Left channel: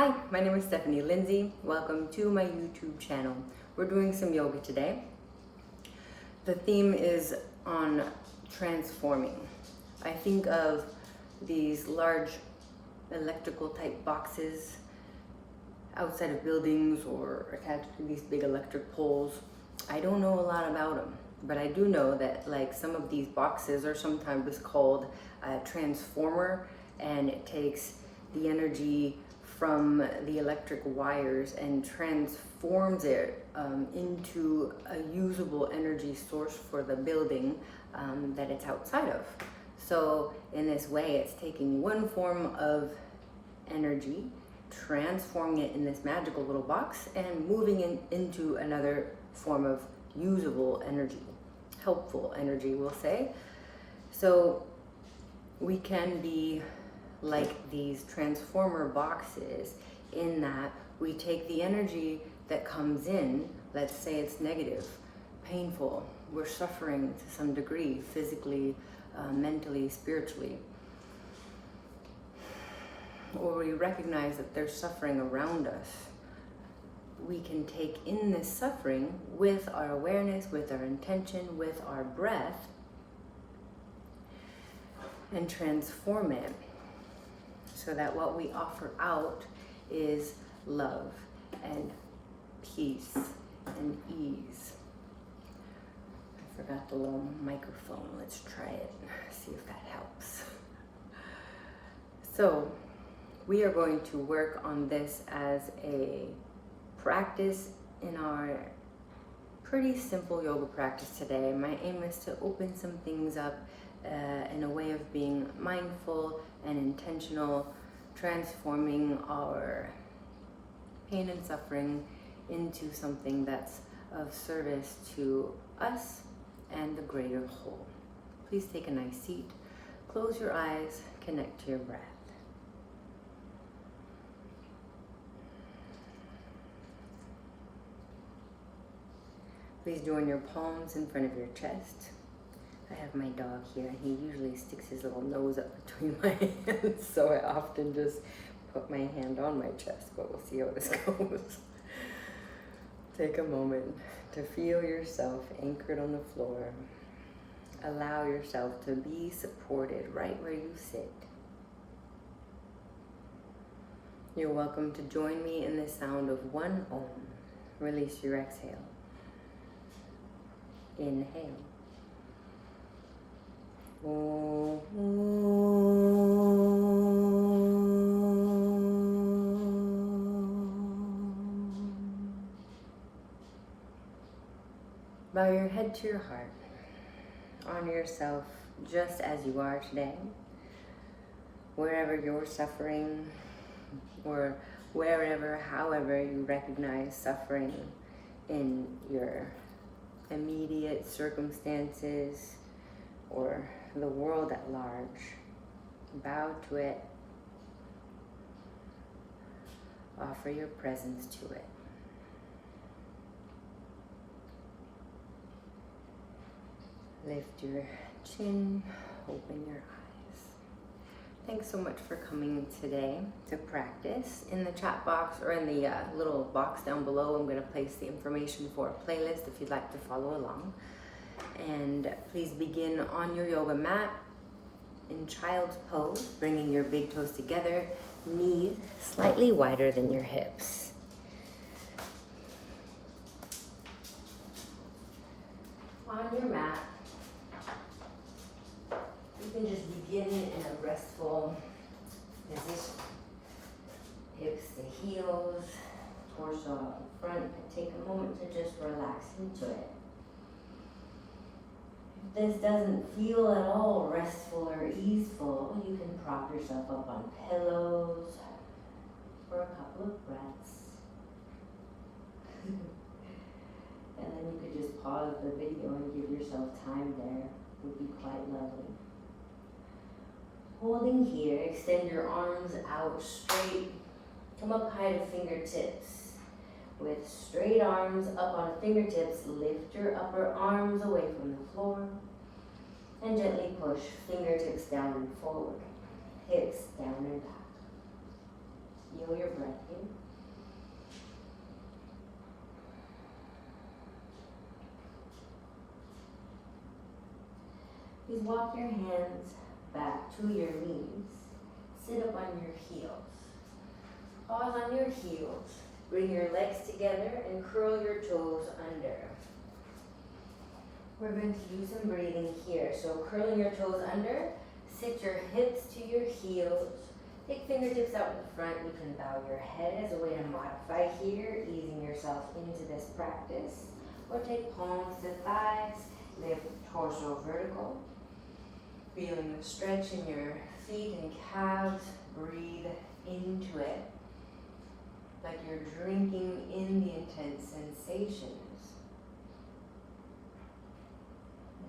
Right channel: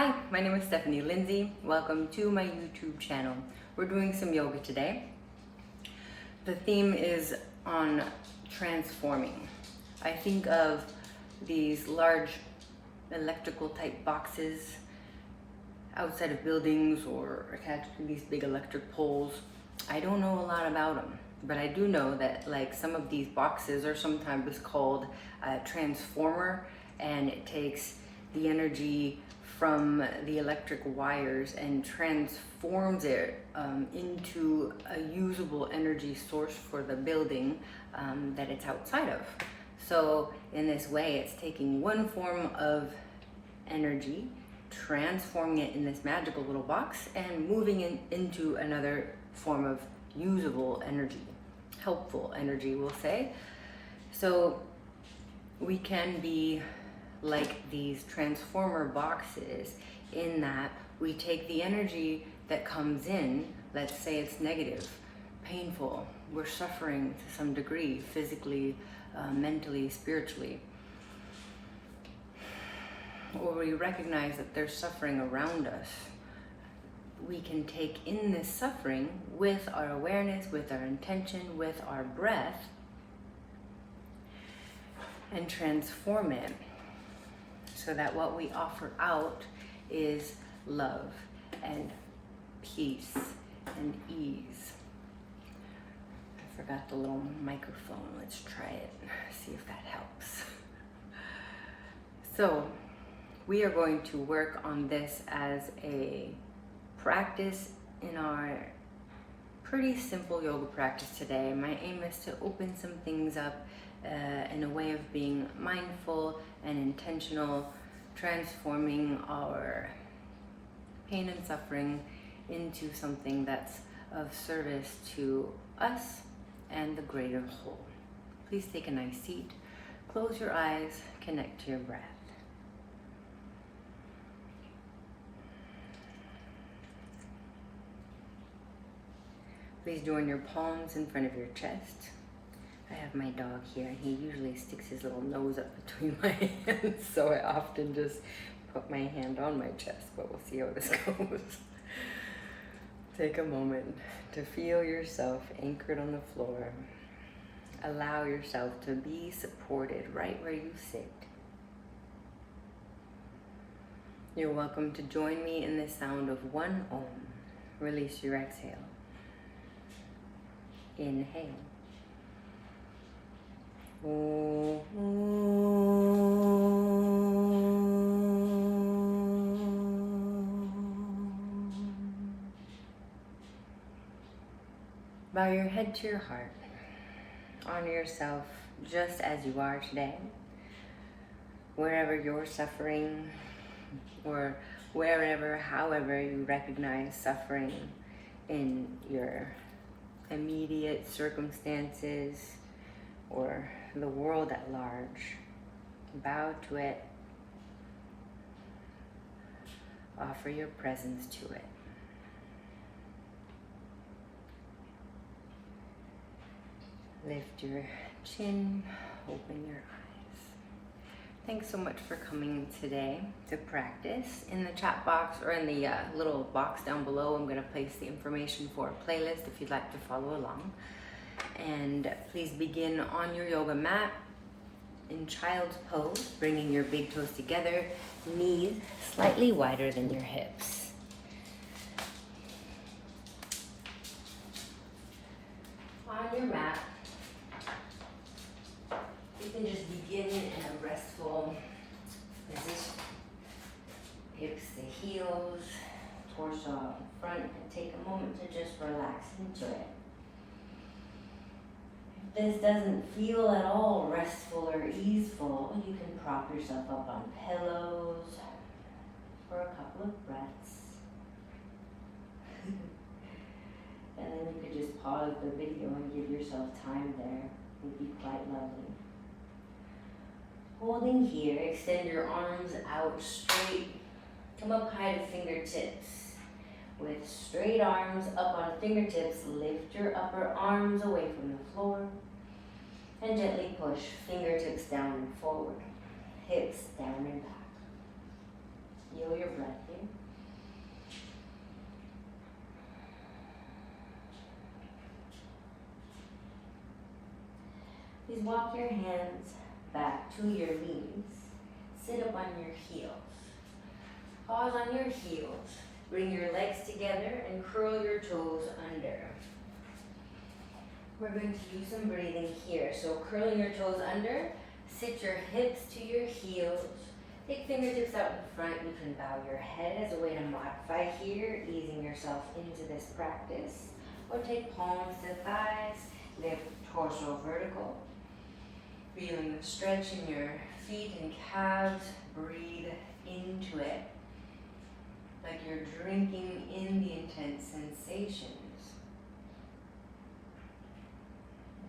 Hi, my name is Stephanie Lindsay. Welcome to my YouTube channel. We're doing some yoga today. The theme is on transforming. I think of these large electrical type boxes outside of buildings or attached to these big electric poles. I don't know a lot about them, but I do know that like some of these boxes are sometimes called a transformer, and it takes the energy from the electric wires and transforms it into a usable energy source for the building that it's outside of. So in this way, it's taking one form of energy, transforming it in this magical little box, and moving it into another form of usable energy, helpful energy, we'll say. So we can be like these transformer boxes in that we take the energy that comes in, let's say it's negative, painful, we're suffering to some degree, physically, mentally, spiritually, or we recognize that there's suffering around us. We can take in this suffering with our awareness, with our intention, with our breath, and transform it so that what we offer out is love and peace and ease. I forgot the little microphone. Let's try it, see if that helps. So we are going to work on this as a practice in our pretty simple yoga practice today. My aim is to open some things up in a way of being mindful and intentional, transforming our pain and suffering into something that's of service to us and the greater whole. Please take a nice seat, close your eyes, connect to your breath. Please join your palms in front of your chest. I have my dog here, and he usually sticks his little nose up between my hands, so I often just put my hand on my chest, but we'll see how this goes. Take a moment to feel yourself anchored on the floor. Allow yourself to be supported right where you sit. You're welcome to join me in the sound of one Om. Release your exhale. Inhale. Bow your head to your heart. Honor yourself just as you are today. Wherever you're suffering, or wherever, however you recognize suffering in your immediate circumstances or the world at large, bow to it. Offer your presence to it. Lift your chin, open your eyes. Thanks so much for coming today to practice. In the chat box or in the little box down below, I'm going to place the information for a playlist if you'd like to follow along. And please begin on your yoga mat in child's pose, bringing your big toes together, knees slightly wider than your hips. On your mat, you can just begin in a restful position. Hips to heels, torso out in front, and take a moment to just relax into it. If this doesn't feel at all restful or easeful, you can prop yourself up on pillows for a couple of breaths. And then you could just pause the video and give yourself time there. It would be quite lovely. Holding here, extend your arms out straight. Come up high to fingertips. With straight arms up on fingertips, lift your upper arms away from the floor. And gently push fingertips down and forward. Hips down and back. Feel your breath in. Please walk your hands back to your knees. Sit up on your heels. Pause on your heels. Bring your legs together and curl your toes under. We're going to do some breathing here. So curling your toes under, sit your hips to your heels. Take fingertips out in front. You can bow your head as a way to modify here, easing yourself into this practice. Or take palms to thighs, lift torso vertical. Feeling the stretch in your feet and calves. Breathe into it, like you're drinking in the intense sensations.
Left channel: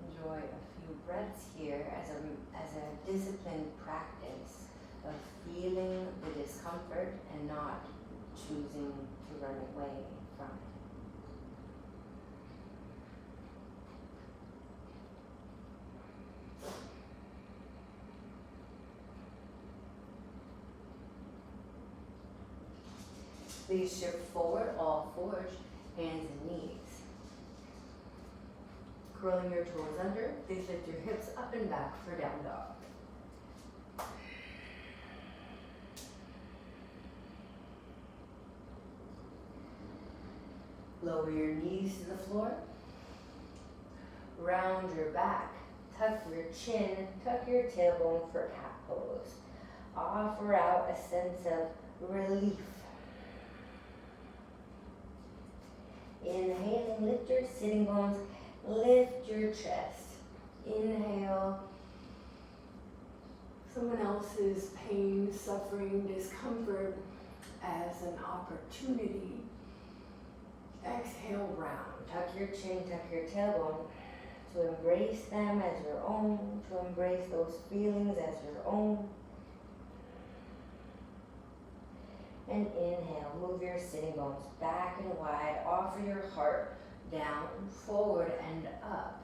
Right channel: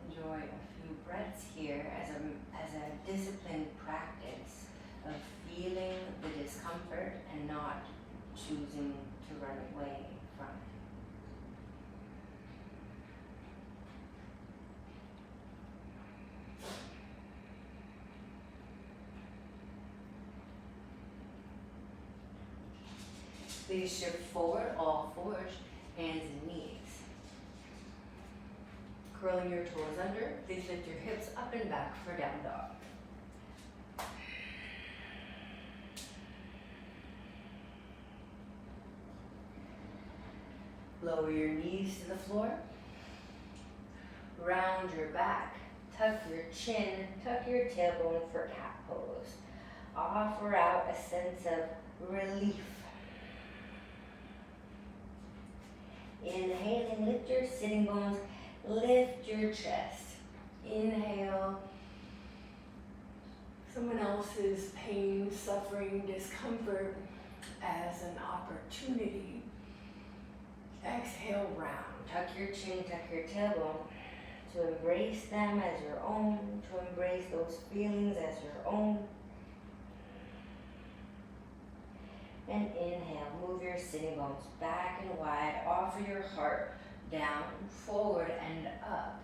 Enjoy a few breaths here as a disciplined practice of feeling the discomfort and not choosing to run away from it. Please shift forward, all fours, hands and knees. Curling your toes under, please lift your hips up and back for down dog. Lower your knees to the floor. Round your back, tuck your chin, tuck your tailbone for cat pose. Offer out a sense of relief. Inhaling, lift your sitting bones, lift your chest. Inhale. Someone else's pain, suffering, discomfort as an opportunity. Exhale, round. Tuck your chin, tuck your tailbone. To embrace them as your own, to embrace those feelings as your own. And inhale, move your sitting bones back and wide. Offer your heart down, forward, and up.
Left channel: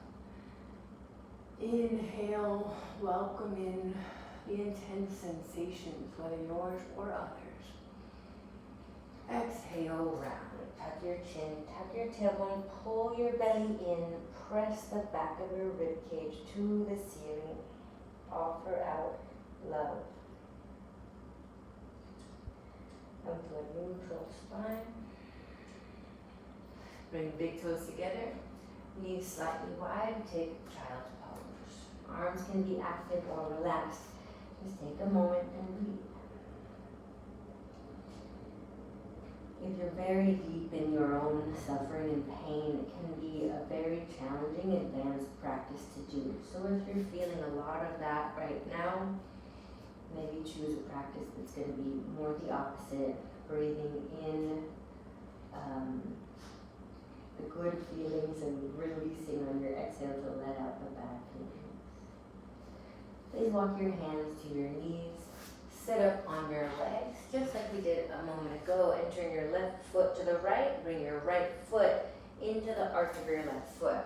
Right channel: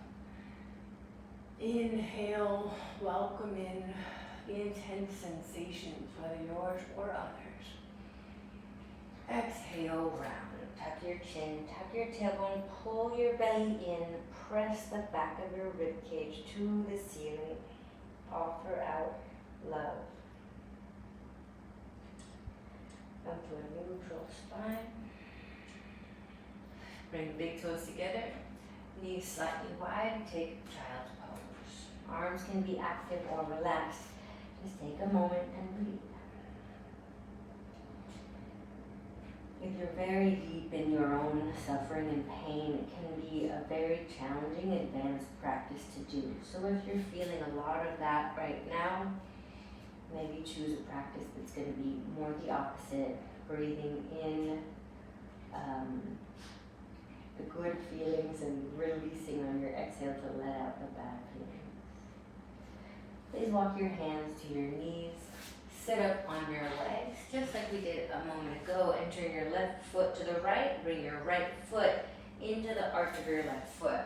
Inhale, welcome in the intense sensations, whether yours or others. Exhale, round. Tuck your chin, tuck your tailbone, pull your belly in, press the back of your rib cage to the ceiling. Offer out love. Come to a neutral spine. Bring big toes together, knees slightly wide, take child's pose. Arms can be active or relaxed. Just take a moment and breathe. If you're very deep in your own suffering and pain, it can be a very challenging advanced practice to do. So if you're feeling a lot of that right now, maybe choose a practice that's going to be more the opposite, breathing in the good feelings and releasing on your exhale to let out the bad feelings. Please walk your hands to your knees, sit up on your legs, just like we did a moment ago, and turn your left foot to the right, bring your right foot into the arch of your left foot.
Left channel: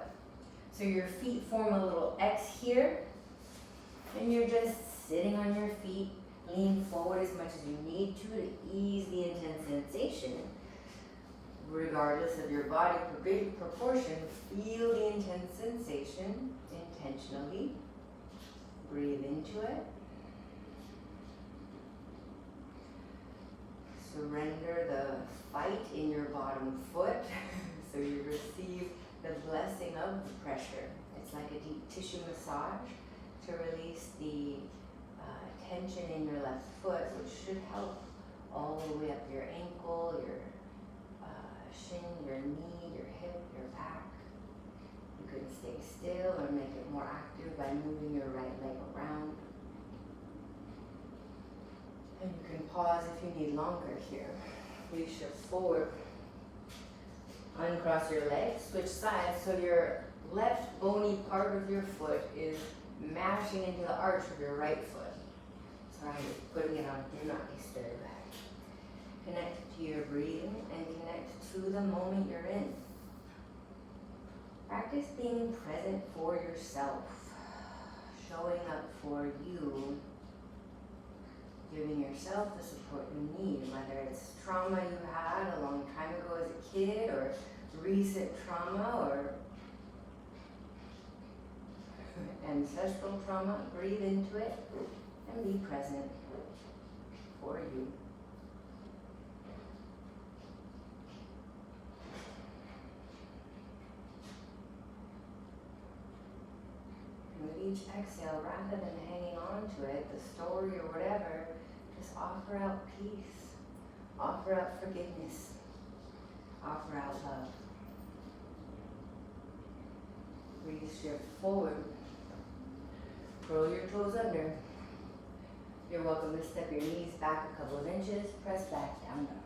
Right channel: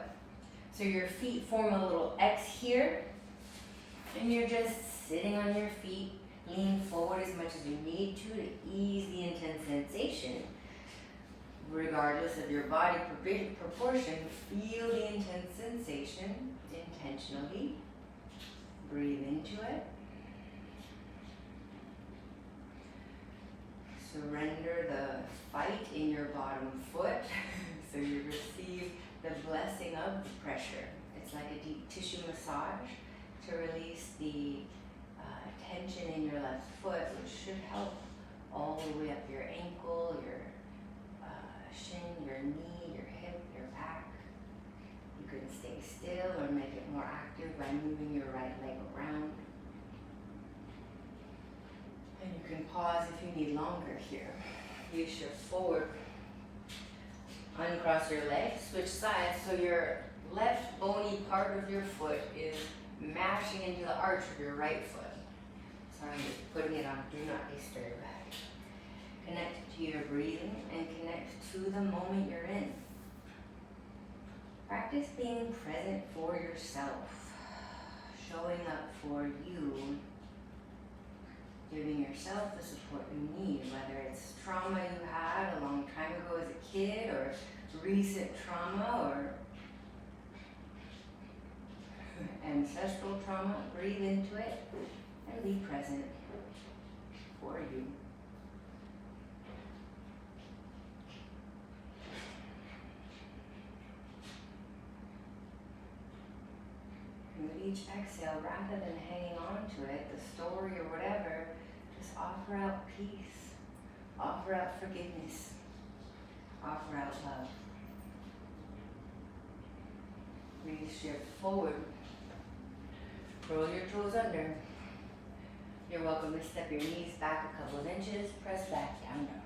So your feet form a little X here, and you're just sitting on your feet, lean forward as much as you need to ease the intense sensation. Regardless of your body proportion, feel the intense sensation intentionally. Breathe into it. Surrender the fight in your bottom foot so you receive the blessing of the pressure. It's like a deep tissue massage to release the tension in your left foot, which should help all the way up your ankle, your shin, your knee, your hip, your back. You can stay still or make it more active by moving your right leg around. And you can pause if you need longer here. You shift forward, uncross your legs, switch sides so your left bony part of your foot is mashing into the arch of your right foot. So I'm just putting it on do not disturb. Connect to your breathing and connect to the moment you're in. Practice being present for yourself, showing up for you, giving yourself the support you need, whether trauma you had a long time ago as a kid, or recent trauma, or ancestral trauma. Breathe into it and be present for you. And with each exhale, rather than hanging on to it, the story or whatever, just offer out peace, offer out forgiveness, offer out love. Please shift forward. Roll your toes under. You're welcome to step your knees back a couple of inches, press back, down dog.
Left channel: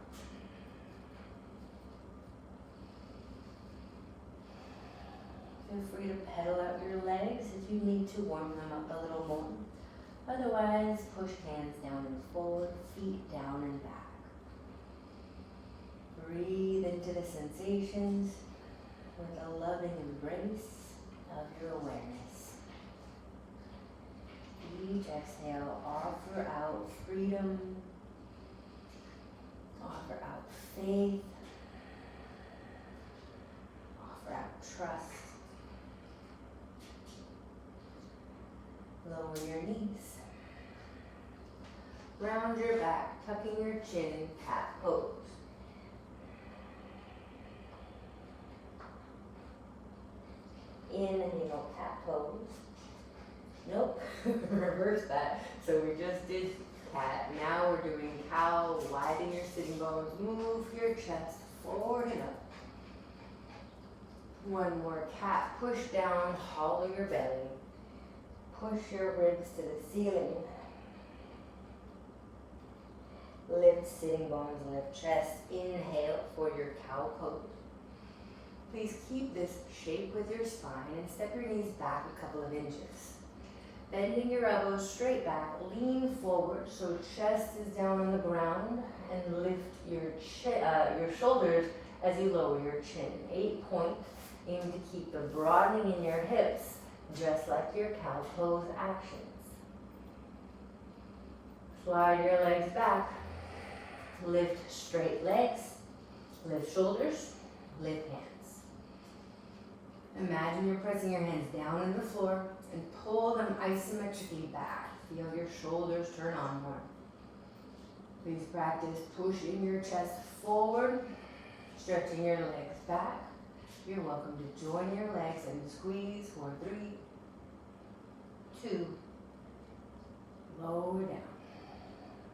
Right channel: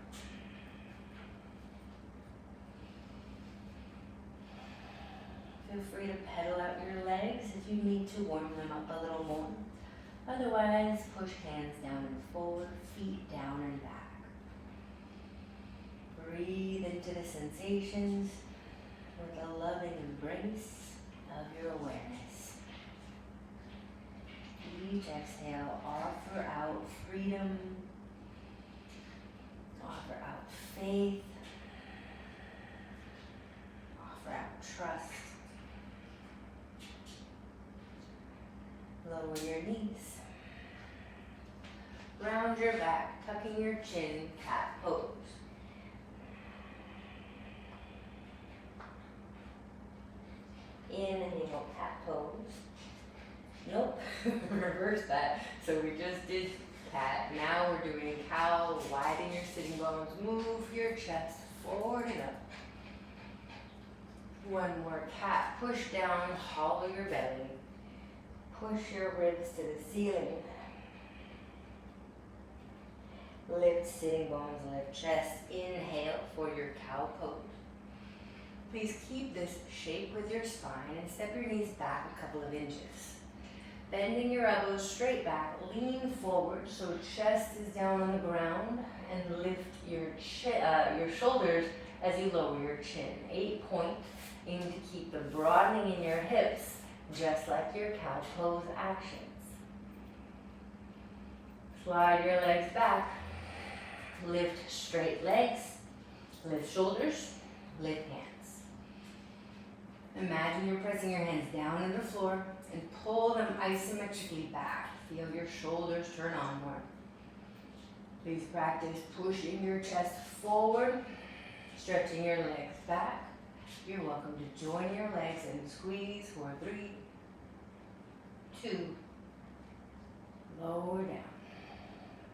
Feel free to pedal out your legs if you need to warm them up a little more. Otherwise, push hands down and forward, feet down and back. Breathe into the sensations with a loving embrace of your awareness. Each exhale, offer out freedom, offer out faith, offer out trust. Lower your knees. Round your back, tucking your chin, cat pose. Inhale, cat pose. Nope, reverse that. So we just did cat. Now we're doing cow. Widen your sitting bones. Move your chest forward and up. One more cat. Push down, hollow your belly. Push your ribs to the ceiling. Lift sitting bones, lift chest. Inhale for your cow pose. Please keep this shape with your spine and step your knees back a couple of inches. Bending your elbows straight back, lean forward so chest is down on the ground, and lift your shoulders as you lower your chin. 8 point. Aim to keep the broadening in your hips, just like your cow pose actions. Slide your legs back. Lift straight legs. Lift shoulders. Lift hands. Imagine you're pressing your hands down on the floor and pull them isometrically back. Feel your shoulders turn onward. Please practice pushing your chest forward, stretching your legs back. You're welcome to join your legs and squeeze for 3, 2, lower down.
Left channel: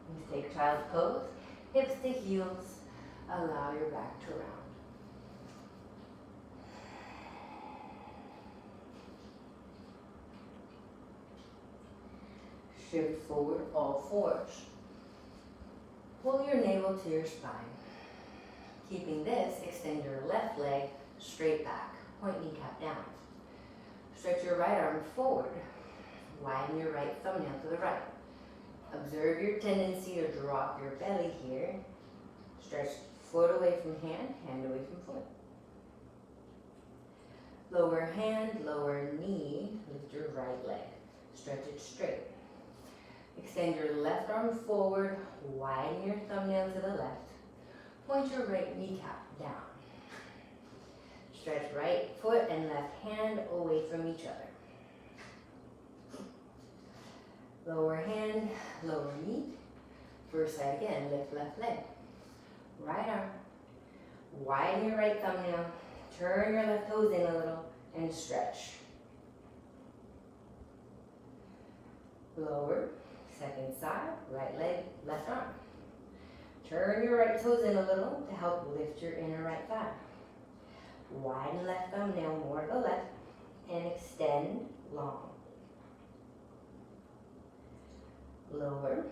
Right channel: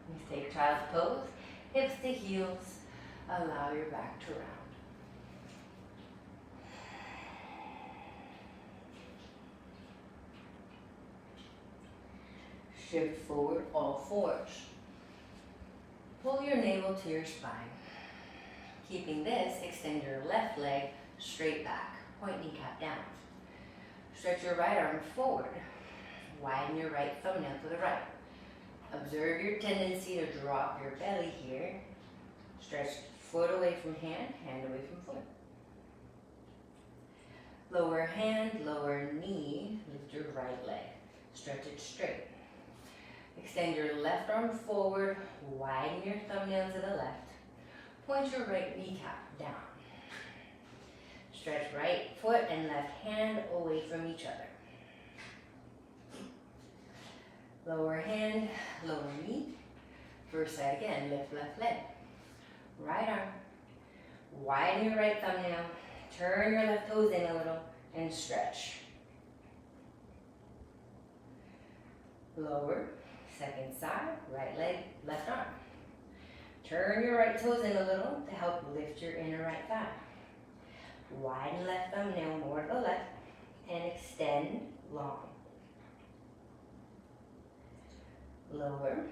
Please take child's pose, hips to heels, allow your back to round. Shift forward, all fours. Pull your navel to your spine. Keeping this, extend your left leg straight back. Point kneecap down. Stretch your right arm forward. Widen your right thumbnail to the right. Observe your tendency to drop your belly here. Stretch foot away from hand, hand away from foot. Lower hand, lower knee. Lift your right leg. Stretch it straight. Extend your left arm forward, widen your thumbnail to the left. Point your right kneecap down. Stretch right foot and left hand away from each other. Lower hand, lower knee. First side again, lift left leg. Right arm. Widen your right thumbnail. Turn your left toes in a little and stretch. Lower. Second side, right leg, left arm. Turn your right toes in a little to help lift your inner right thigh. Widen left thumbnail more to the left and extend long. Lower.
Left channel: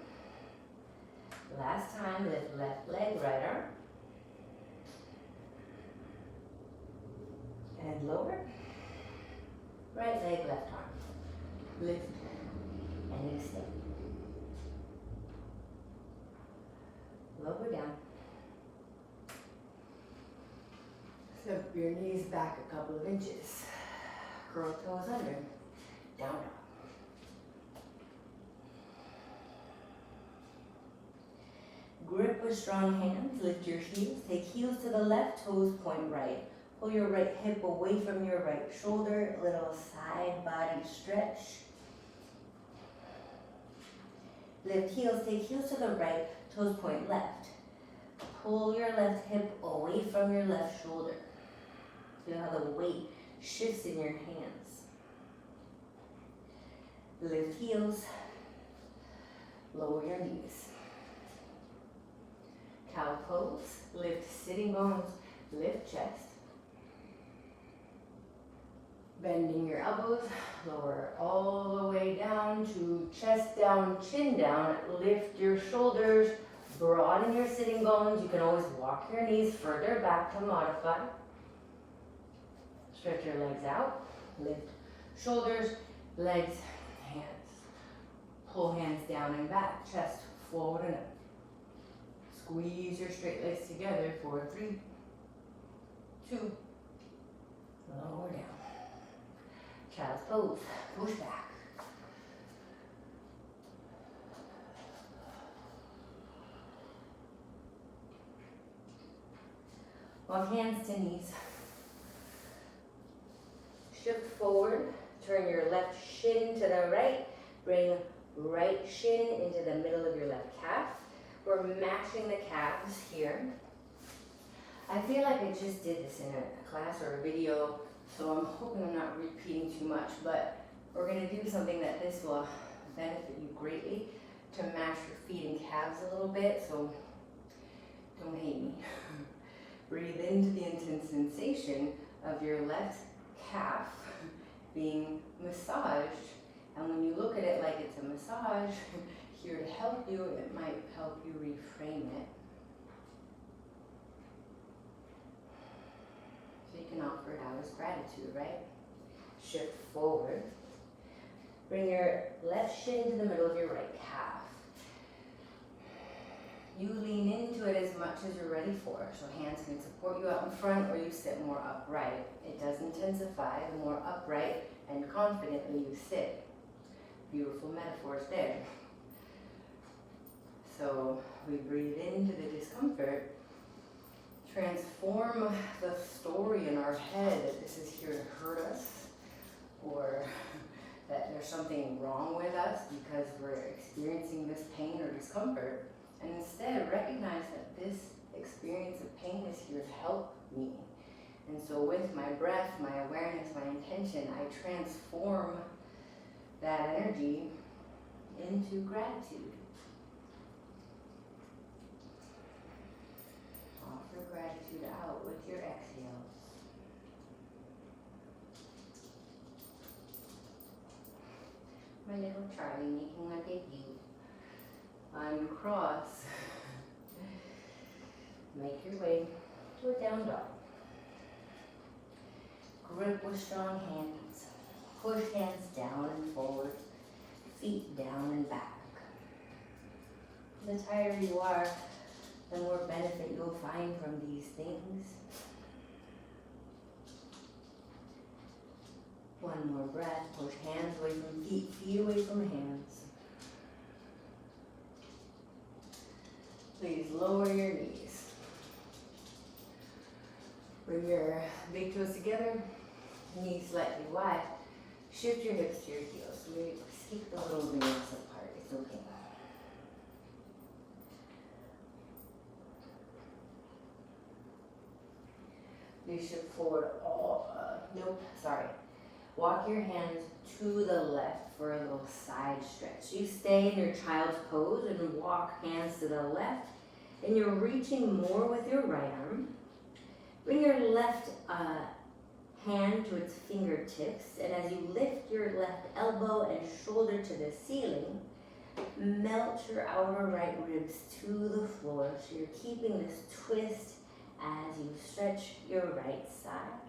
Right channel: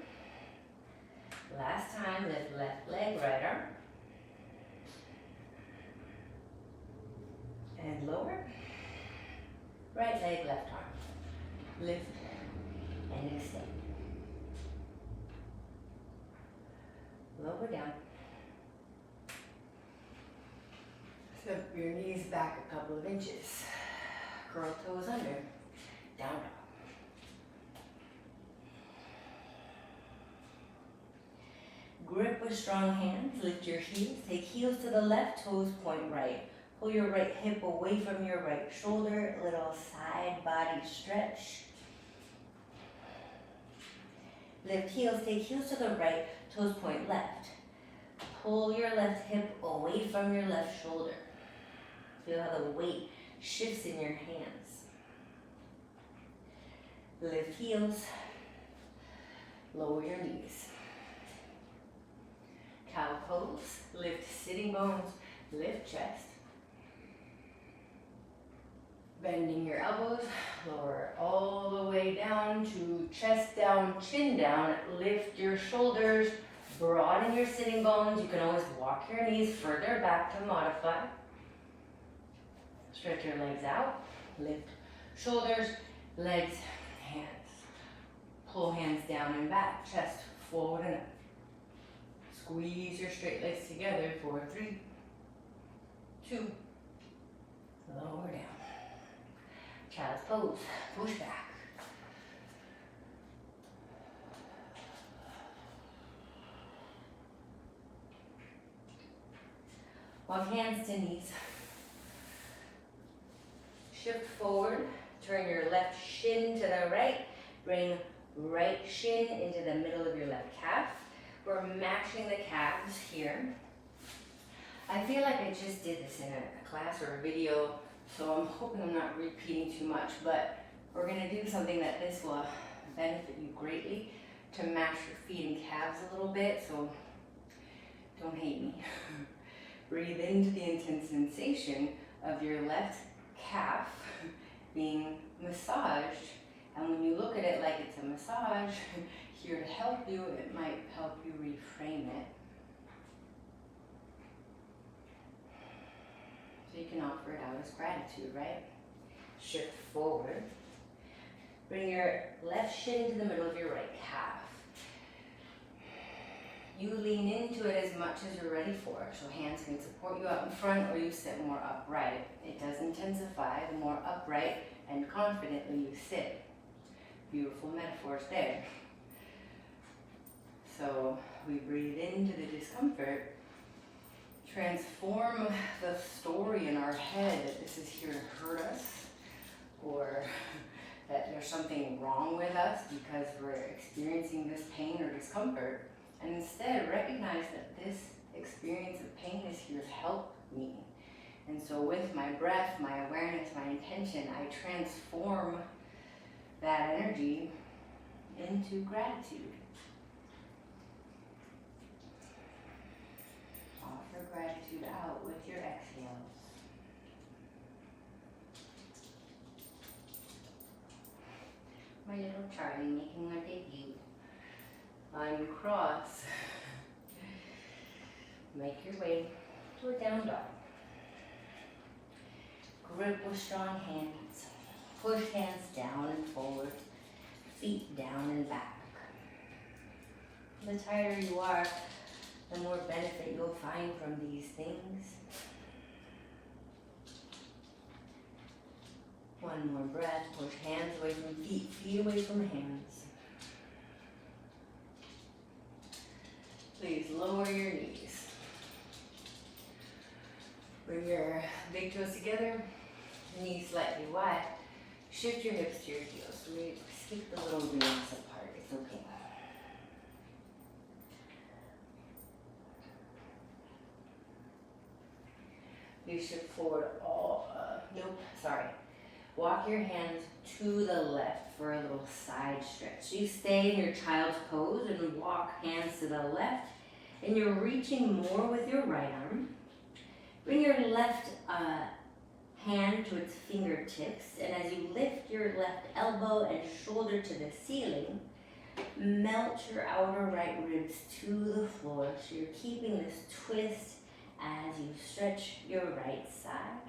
Last time, lift left leg, right arm. And lower. Right leg, left arm. Lift and extend. Lower down. Step your knees back a couple of inches. Curl toes under. Down dog. Grip a with strong hands. Lift your heels. Take heels to the left, toes point right. Pull your right hip away from your right shoulder. Little side body stretch. Lift heels. Take heels to the right, toes point left. Pull your left hip away from your left shoulder. Feel how the weight shifts in your hands. Lift heels. Lower your knees. Cow pose. Lift sitting bones. Lift chest. Bending your elbows. Lower all the way down to chest down, chin down. Lift your shoulders. Broaden your sitting bones. You can always walk your knees further back to modify. Stretch your legs out. Lift shoulders, legs, hands. Pull hands down and back. Chest forward and up. Squeeze your straight legs together for 3, 2, lower down. Child's pose. Push back. Walk hands to knees. Shift forward. Turn your left shin to the right. Bring right shin into the middle of your left calf. We're matching the calves here. I feel like I just did this in a class or a video, so I'm hoping I'm not repeating too much, but we're gonna do something that this will benefit you greatly to match your feet and calves a little bit, so don't hate me. Breathe into the intense sensation of your left calf being massaged. And when you look at it like it's a massage, here to help you, it might help you reframe it. So you can offer it out as gratitude, right? Shift forward. Bring your left shin to the middle of your right calf. You lean into it as much as you're ready for. So hands can support you out in front or you sit more upright. It does intensify the more upright and confidently you sit. Beautiful metaphors there. So we breathe into the discomfort, transform the story in our head that this is here to hurt us or that there's something wrong with us because we're experiencing this pain or discomfort. And instead, recognize that this experience of pain is here to help me. And so with my breath, my awareness, my intention, I transform that energy into gratitude. Offer gratitude out with your exhales. My little Charlie making my debut. Uncross. Make your way to a down dog. Grip with strong hands. Push hands down and forward. Feet down and back. The tighter you are, the more benefit you'll find from these things. One more breath. Push hands away from feet, feet away from hands. Please lower your knees. Bring your big toes together, knees slightly wide. Shift your hips to your heels. So we skip the little ribs apart. It's okay. You shift forward Walk your hands to the left for a little side stretch. You stay in your child's pose and walk hands to the left. And you're reaching more with your right arm. Bring your left hand to its fingertips. And as you lift your left elbow and shoulder to the ceiling, melt your outer right ribs to the floor. So you're keeping this twist as you stretch your right side.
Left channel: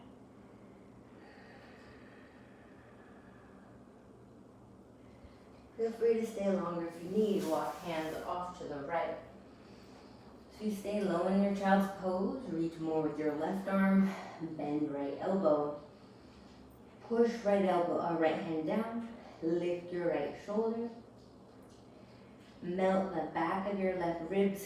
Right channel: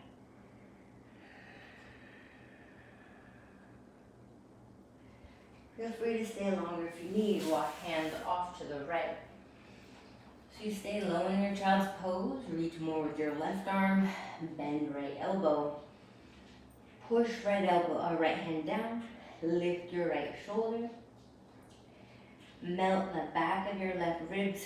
Feel free to stay longer if you need. Walk hands off to the right. So you stay low in your child's pose. Reach more with your left arm. Bend right elbow. Push right hand down. Lift your right shoulder. Melt the back of your left ribs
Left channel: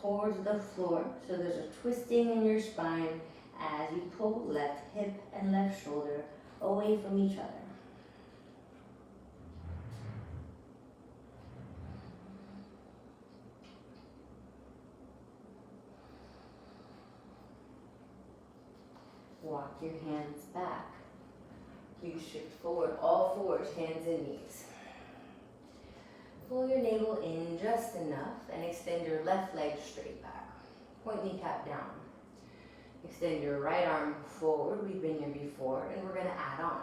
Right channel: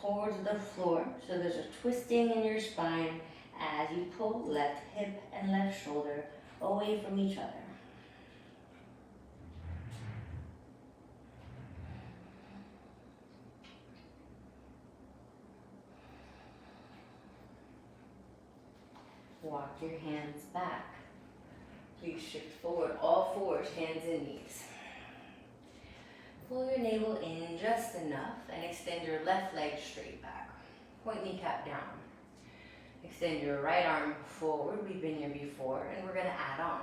towards the floor. So there's a twisting in your spine as you pull left hip and left shoulder away from each other. Walk your hands back. Please shift forward, all fours, hands and knees. Pull your navel in just enough and extend your left leg straight back. Point kneecap down. Extend your right arm forward. We've been here before, and we're going to add on.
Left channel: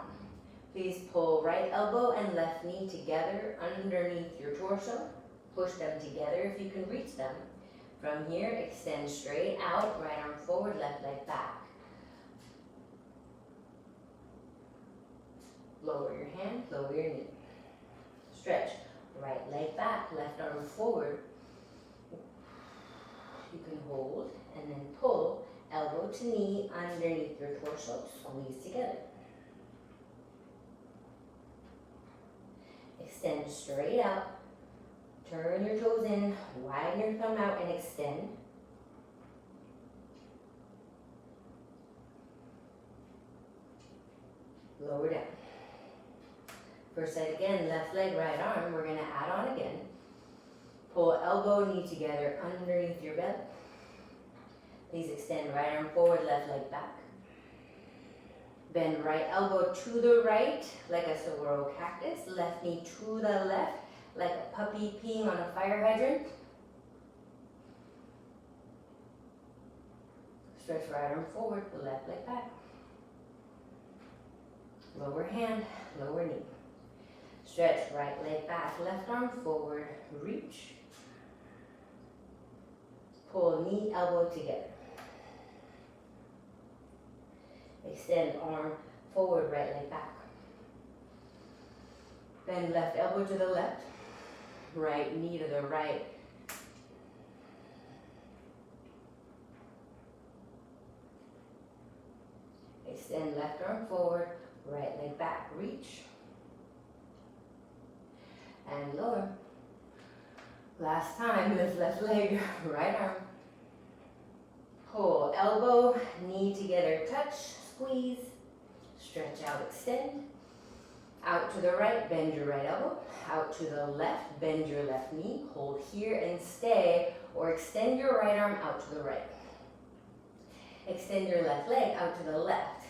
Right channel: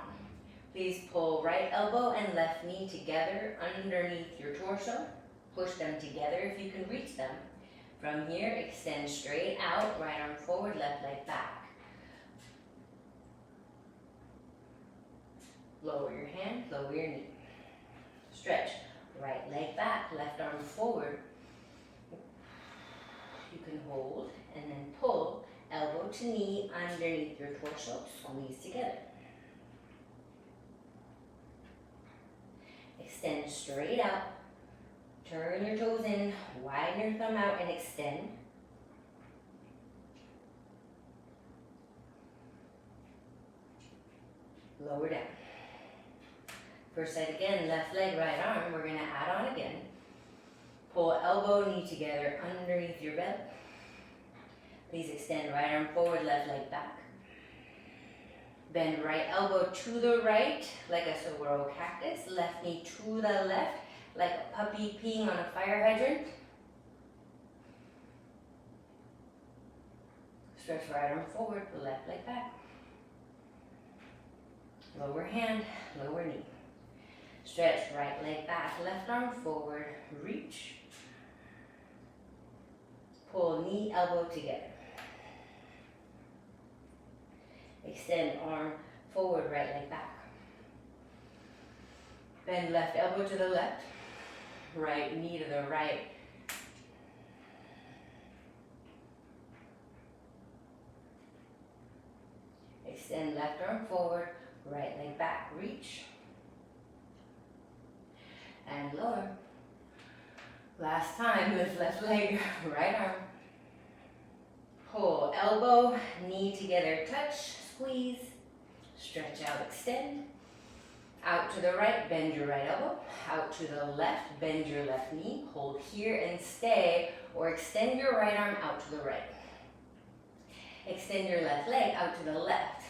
Please pull right elbow and left knee together underneath your torso. Push them together if you can reach them. From here, extend straight out, right arm forward, left leg back. Lower your hand, lower your knee. Stretch, right leg back, left arm forward. You can hold and then pull, elbow to knee underneath your torso, squeeze together. Extend straight out, turn your toes in, widen your thumb out and extend. Lower down. First side again, left leg, right arm. We're going to add on again. Pull elbow, knee together underneath your belly. Please extend right arm forward, left leg back. Bend right elbow to the right, like a Saguaro cactus. Left knee to the left, like a puppy peeing on a fire hydrant. Stretch right arm forward, left leg back. Lower hand, lower knee. Stretch right leg back, left arm forward, reach. Pull knee, elbow together. Extend arm forward, right leg back. Bend left elbow to the left, right knee to the right. Extend left arm forward, right leg back, reach. And lower. Last time, lift left leg, right arm. Pull elbow, knee together, touch, squeeze. Stretch out, extend. Out to the right, bend your right elbow. Out to the left, bend your left knee. Hold here and stay, or extend your right arm out to the right. Extend your left leg out to the left.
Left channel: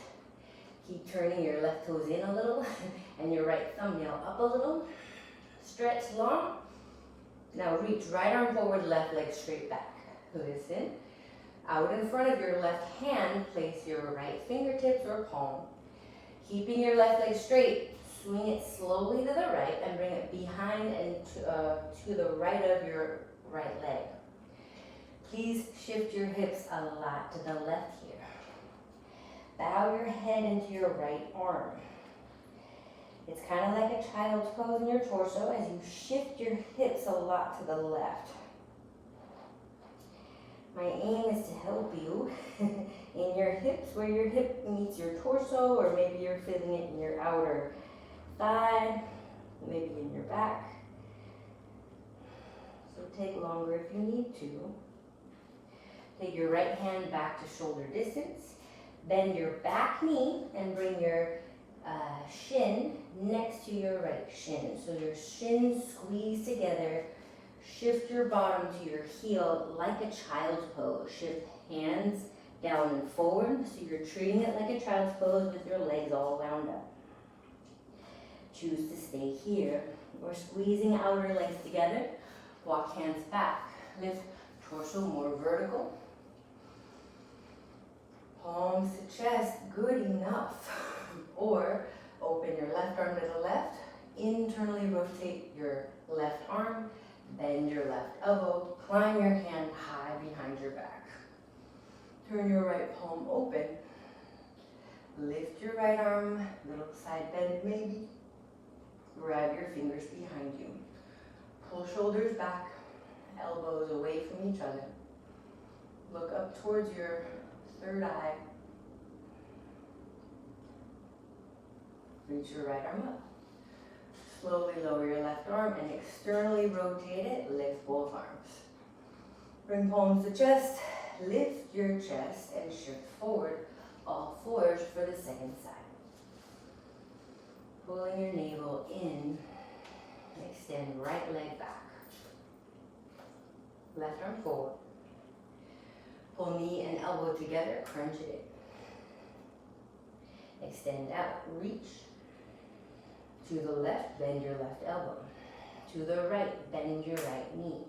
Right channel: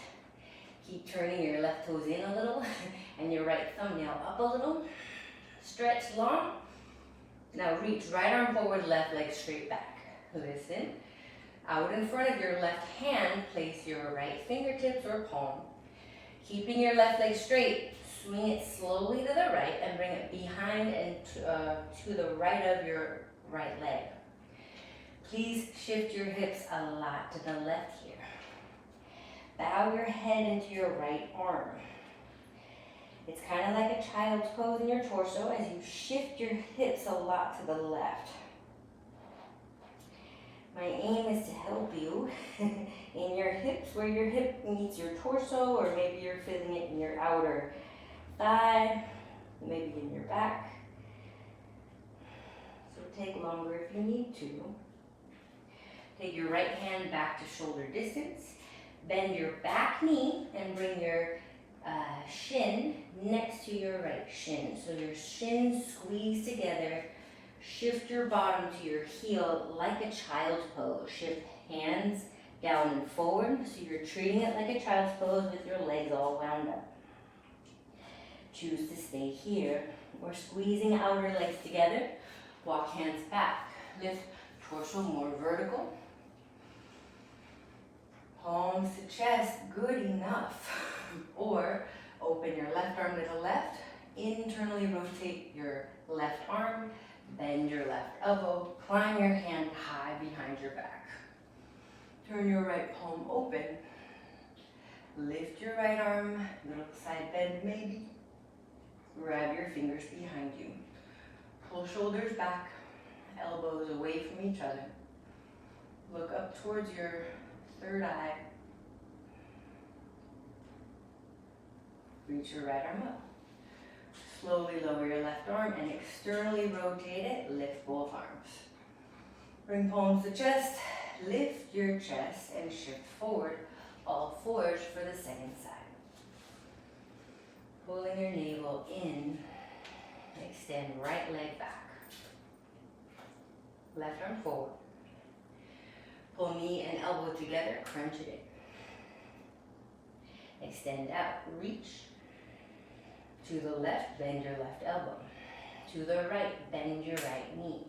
Keep turning your left toes in a little and your right thumbnail up a little. Stretch long. Now reach right arm forward, left leg straight back. Listen. Out in front of your left hand, place your right fingertips or palm. Keeping your left leg straight, swing it slowly to the right and bring it behind and to the right of your right leg. Please shift your hips a lot to the left here. Bow your head into your right arm. It's kind of like a child's pose in your torso as you shift your hips a lot to the left. My aim is to help you in your hips where your hip meets your torso, or maybe you're feeling it in your outer thigh, maybe in your back. So take longer if you need to. Take your right hand back to shoulder distance. Bend your back knee and bring your shin next to your right shin. So your shins squeeze together. Shift your bottom to your heel like a child's pose. Shift hands down and forward, so you're treating it like a child's pose with your legs all wound up. Choose to stay here. We're squeezing outer legs together. Walk hands back. Lift torso more vertical. Palms to chest, good enough. Or open your left arm to the left. Internally rotate your left arm. Bend your left elbow, climb your hand high behind your back. Turn your right palm open. Lift your right arm, little side bend maybe. Grab your fingers behind you. Pull shoulders back, elbows away from each other. Look up towards your third eye. Reach your right arm up. Slowly lower your left arm and externally rotate it. Lift both arms. Bring palms to chest, lift your chest and shift forward, all fours for the second side. Pulling your navel in, extend right leg back. Left arm forward. Pull knee and elbow together, crunch it in. Extend out, reach. To the left, bend your left elbow. To the right, bend your right knee.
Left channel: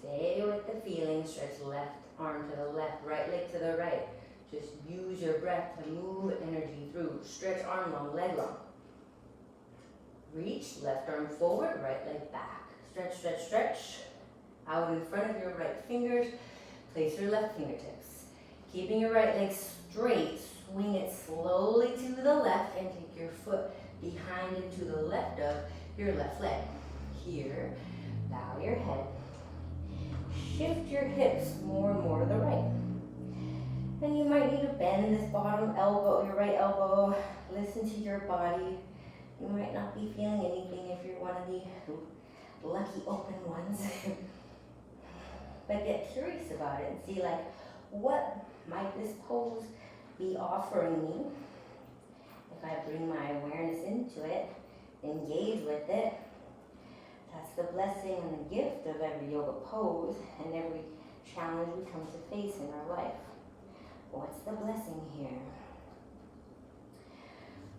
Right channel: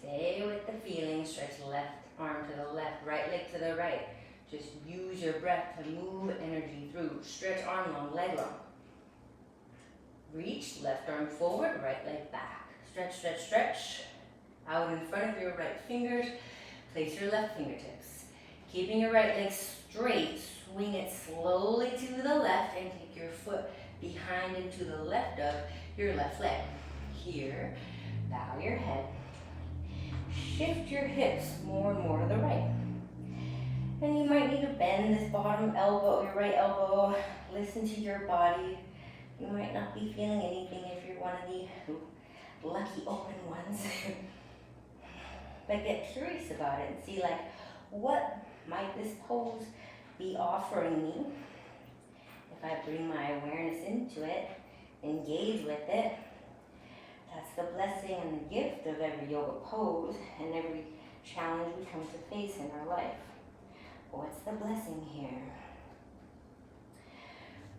Stay with the feeling, stretch left arm to the left, right leg to the right. Just use your breath to move energy through. Stretch arm long, leg long. Reach, left arm forward, right leg back. Stretch, stretch, stretch. Out in front of your right fingers, place your left fingertips. Keeping your right leg straight, swing it slowly to the left and take your foot behind and to the left of your left leg. Here, bow your head. Shift your hips more and more to the right. And you might need to bend this bottom elbow, your right elbow. Listen to your body. You might not be feeling anything if you're one of the lucky open ones. But get curious about it and see, like, what might this pose be offering me? If I bring my awareness into it, engage with it, that's the blessing and the gift of every yoga pose and every challenge we come to face in our life. What's the blessing here?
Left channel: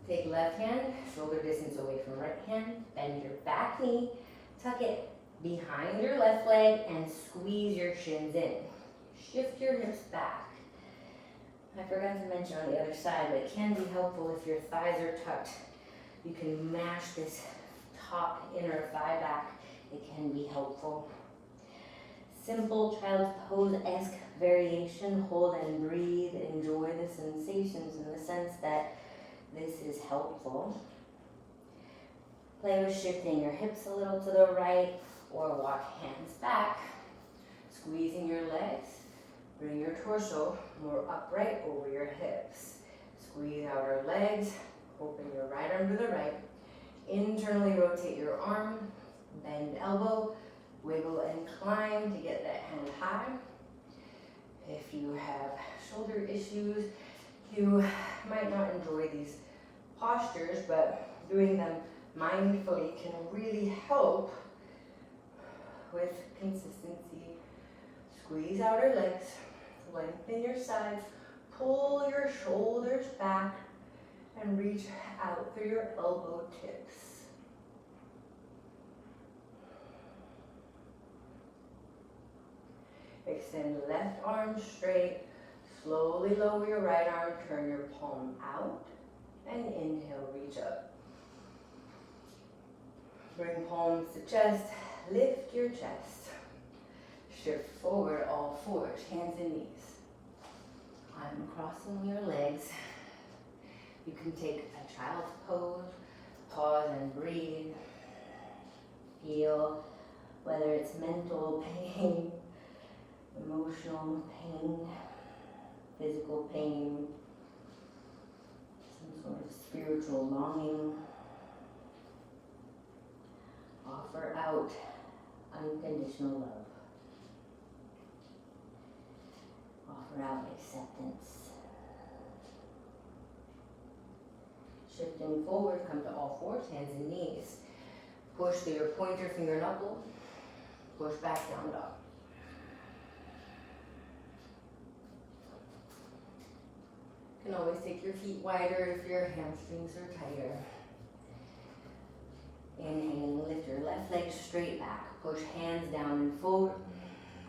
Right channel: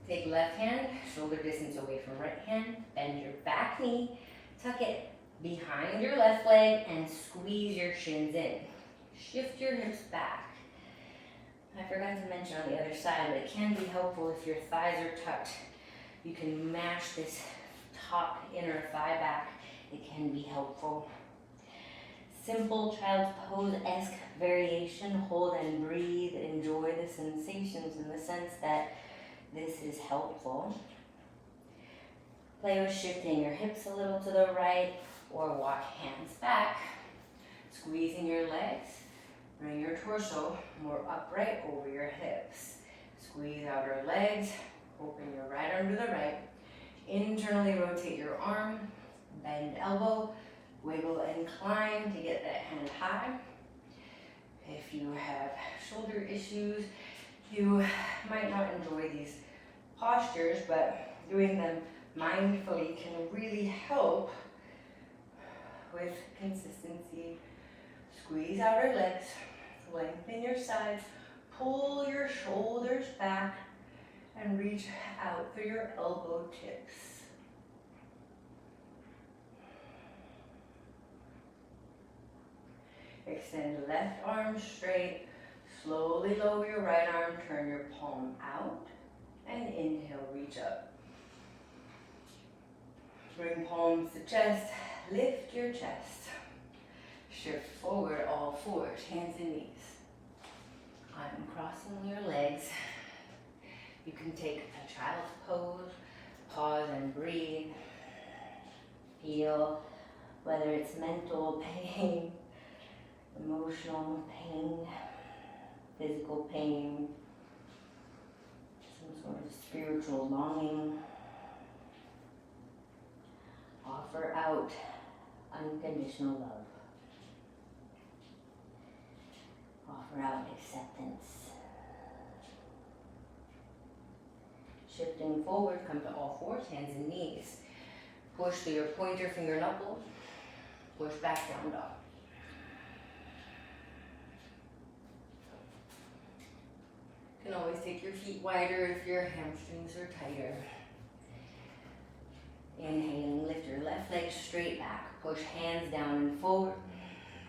Take left hand, shoulder distance away from right hand, bend your back knee, tuck it behind your left leg and squeeze your shins in. Shift your hips back. I forgot to mention on the other side, but it can be helpful if your thighs are tucked. You can mash this top inner thigh back. It can be helpful. Simple child's pose-esque variation. Hold and breathe. Enjoy the sensations in the sense that this is helpful. Play with shifting your hips a little to the right or walk hands back. Squeezing your legs. Bring your torso more upright over your hips. Squeeze outer legs. Open your right arm to the right. Internally rotate your arm. Bend elbow. Wiggle and climb to get that hand high. If you have shoulder issues, you might not enjoy these postures, but doing them mindfully can really help with consistency. Squeeze outer legs, lengthen your sides, pull your shoulders back, and reach out through your elbow tips. Extend left arm straight, slowly lower your right arm, turn your palm out, and inhale, reach up. Bring palms to chest, lift your chest. Shift forward, all fours, hands and knees. I'm crossing your legs. You can take a child's pose, pause and breathe. Feel whether it's mental pain, emotional pain, physical pain, some sort of spiritual longing. Offer out unconditional love. Offer out acceptance. Shifting forward, come to all fours, hands and knees. Push through your pointer finger knuckle. Push back, down dog. You can always take your feet wider if your hamstrings are tighter. Inhaling, lift your left leg straight back. Push hands down and forward.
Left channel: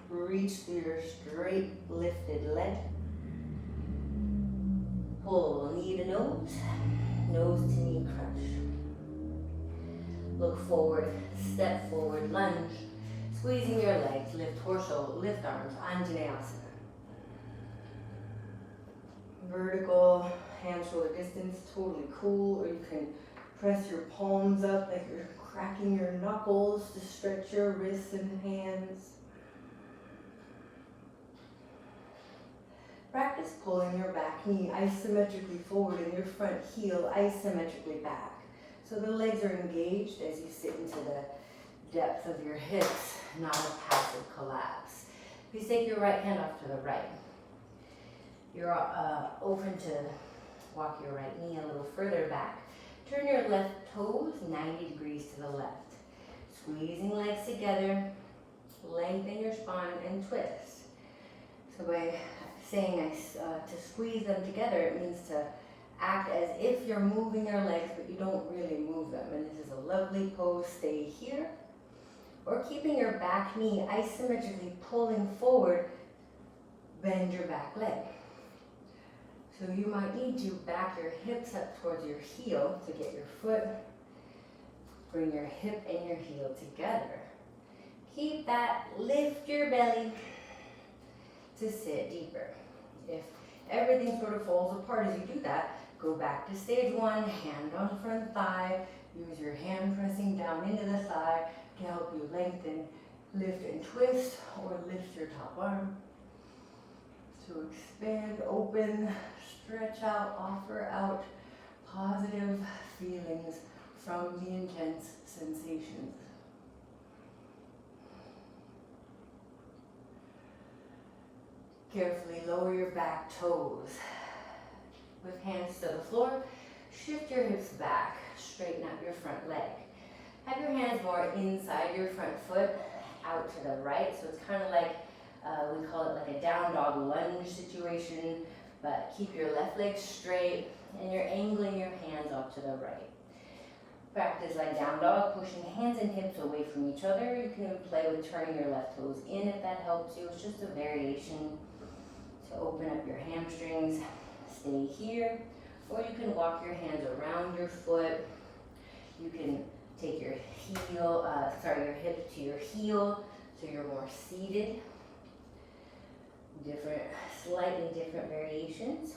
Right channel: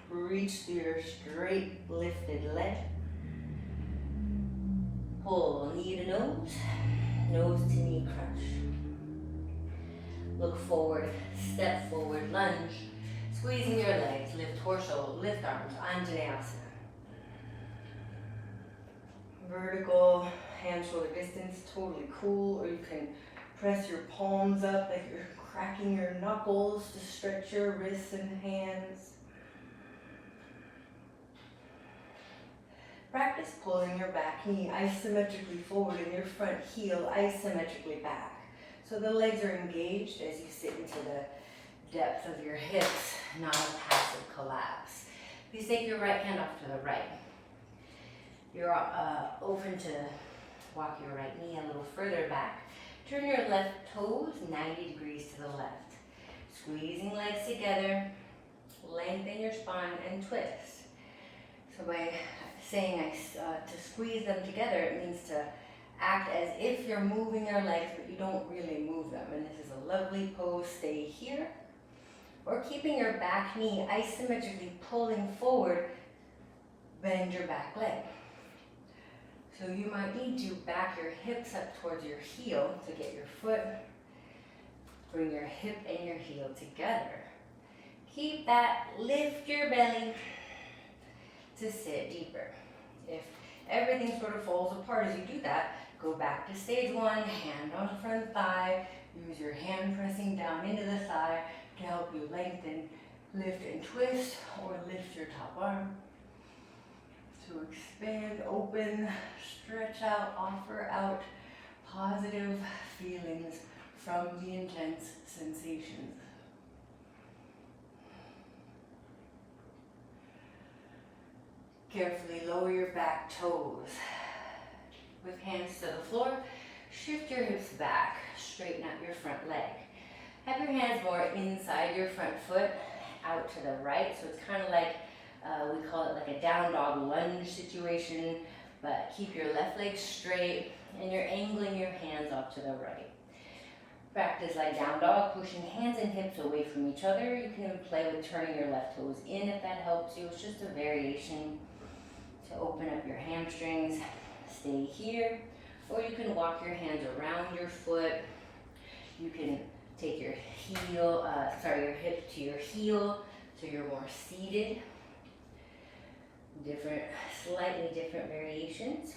Reach through your straight lifted leg. Pull knee to nose, nose to knee crunch. Look forward, step forward, lunge. Squeezing your legs, lift torso, lift arms, Anjaneyasana. Vertical, hand shoulder distance, totally cool, or you can press your palms up like you're cracking your knuckles to stretch your wrists and hands. Practice pulling your back knee isometrically forward and your front heel isometrically back. So the legs are engaged as you sit into the depth of your hips, not a passive collapse. Please take your right hand off to the right. You're open to walk your right knee a little further back. Turn your left toes 90 degrees to the left. Squeezing legs together, lengthen your spine and twist. So by saying to squeeze them together, it means to act as if you're moving your legs, but you don't really move them. And this is a lovely pose. Stay here. Or keeping your back knee isometrically pulling forward, bend your back leg. So you might need to back your hips up towards your heel to get your foot. Bring your hip and your heel together. Keep that, lift your belly to sit deeper. If everything sort of falls apart as you do that, go back to stage one, hand on front thigh. Use your hand pressing down into the thigh to help you lengthen, lift and twist, or lift your top arm. So expand, open, stretch out, offer out positive feelings from the intense sensations. Carefully lower your back toes. With hands to the floor, shift your hips back, straighten out your front leg. Have your hands more inside your front foot, out to the right. So it's kind of like, we call it like a down dog lunge situation, but keep your left leg straight and you're angling your hands off to the right. Practice like down dog, pushing hands and hips away from each other. You can even play with turning your left toes in if that helps you. It's just a variation to open up your hamstrings. Stay here, or you can walk your hands around your foot. You can take your your hip to your heel, so you're more seated. Slightly different variations.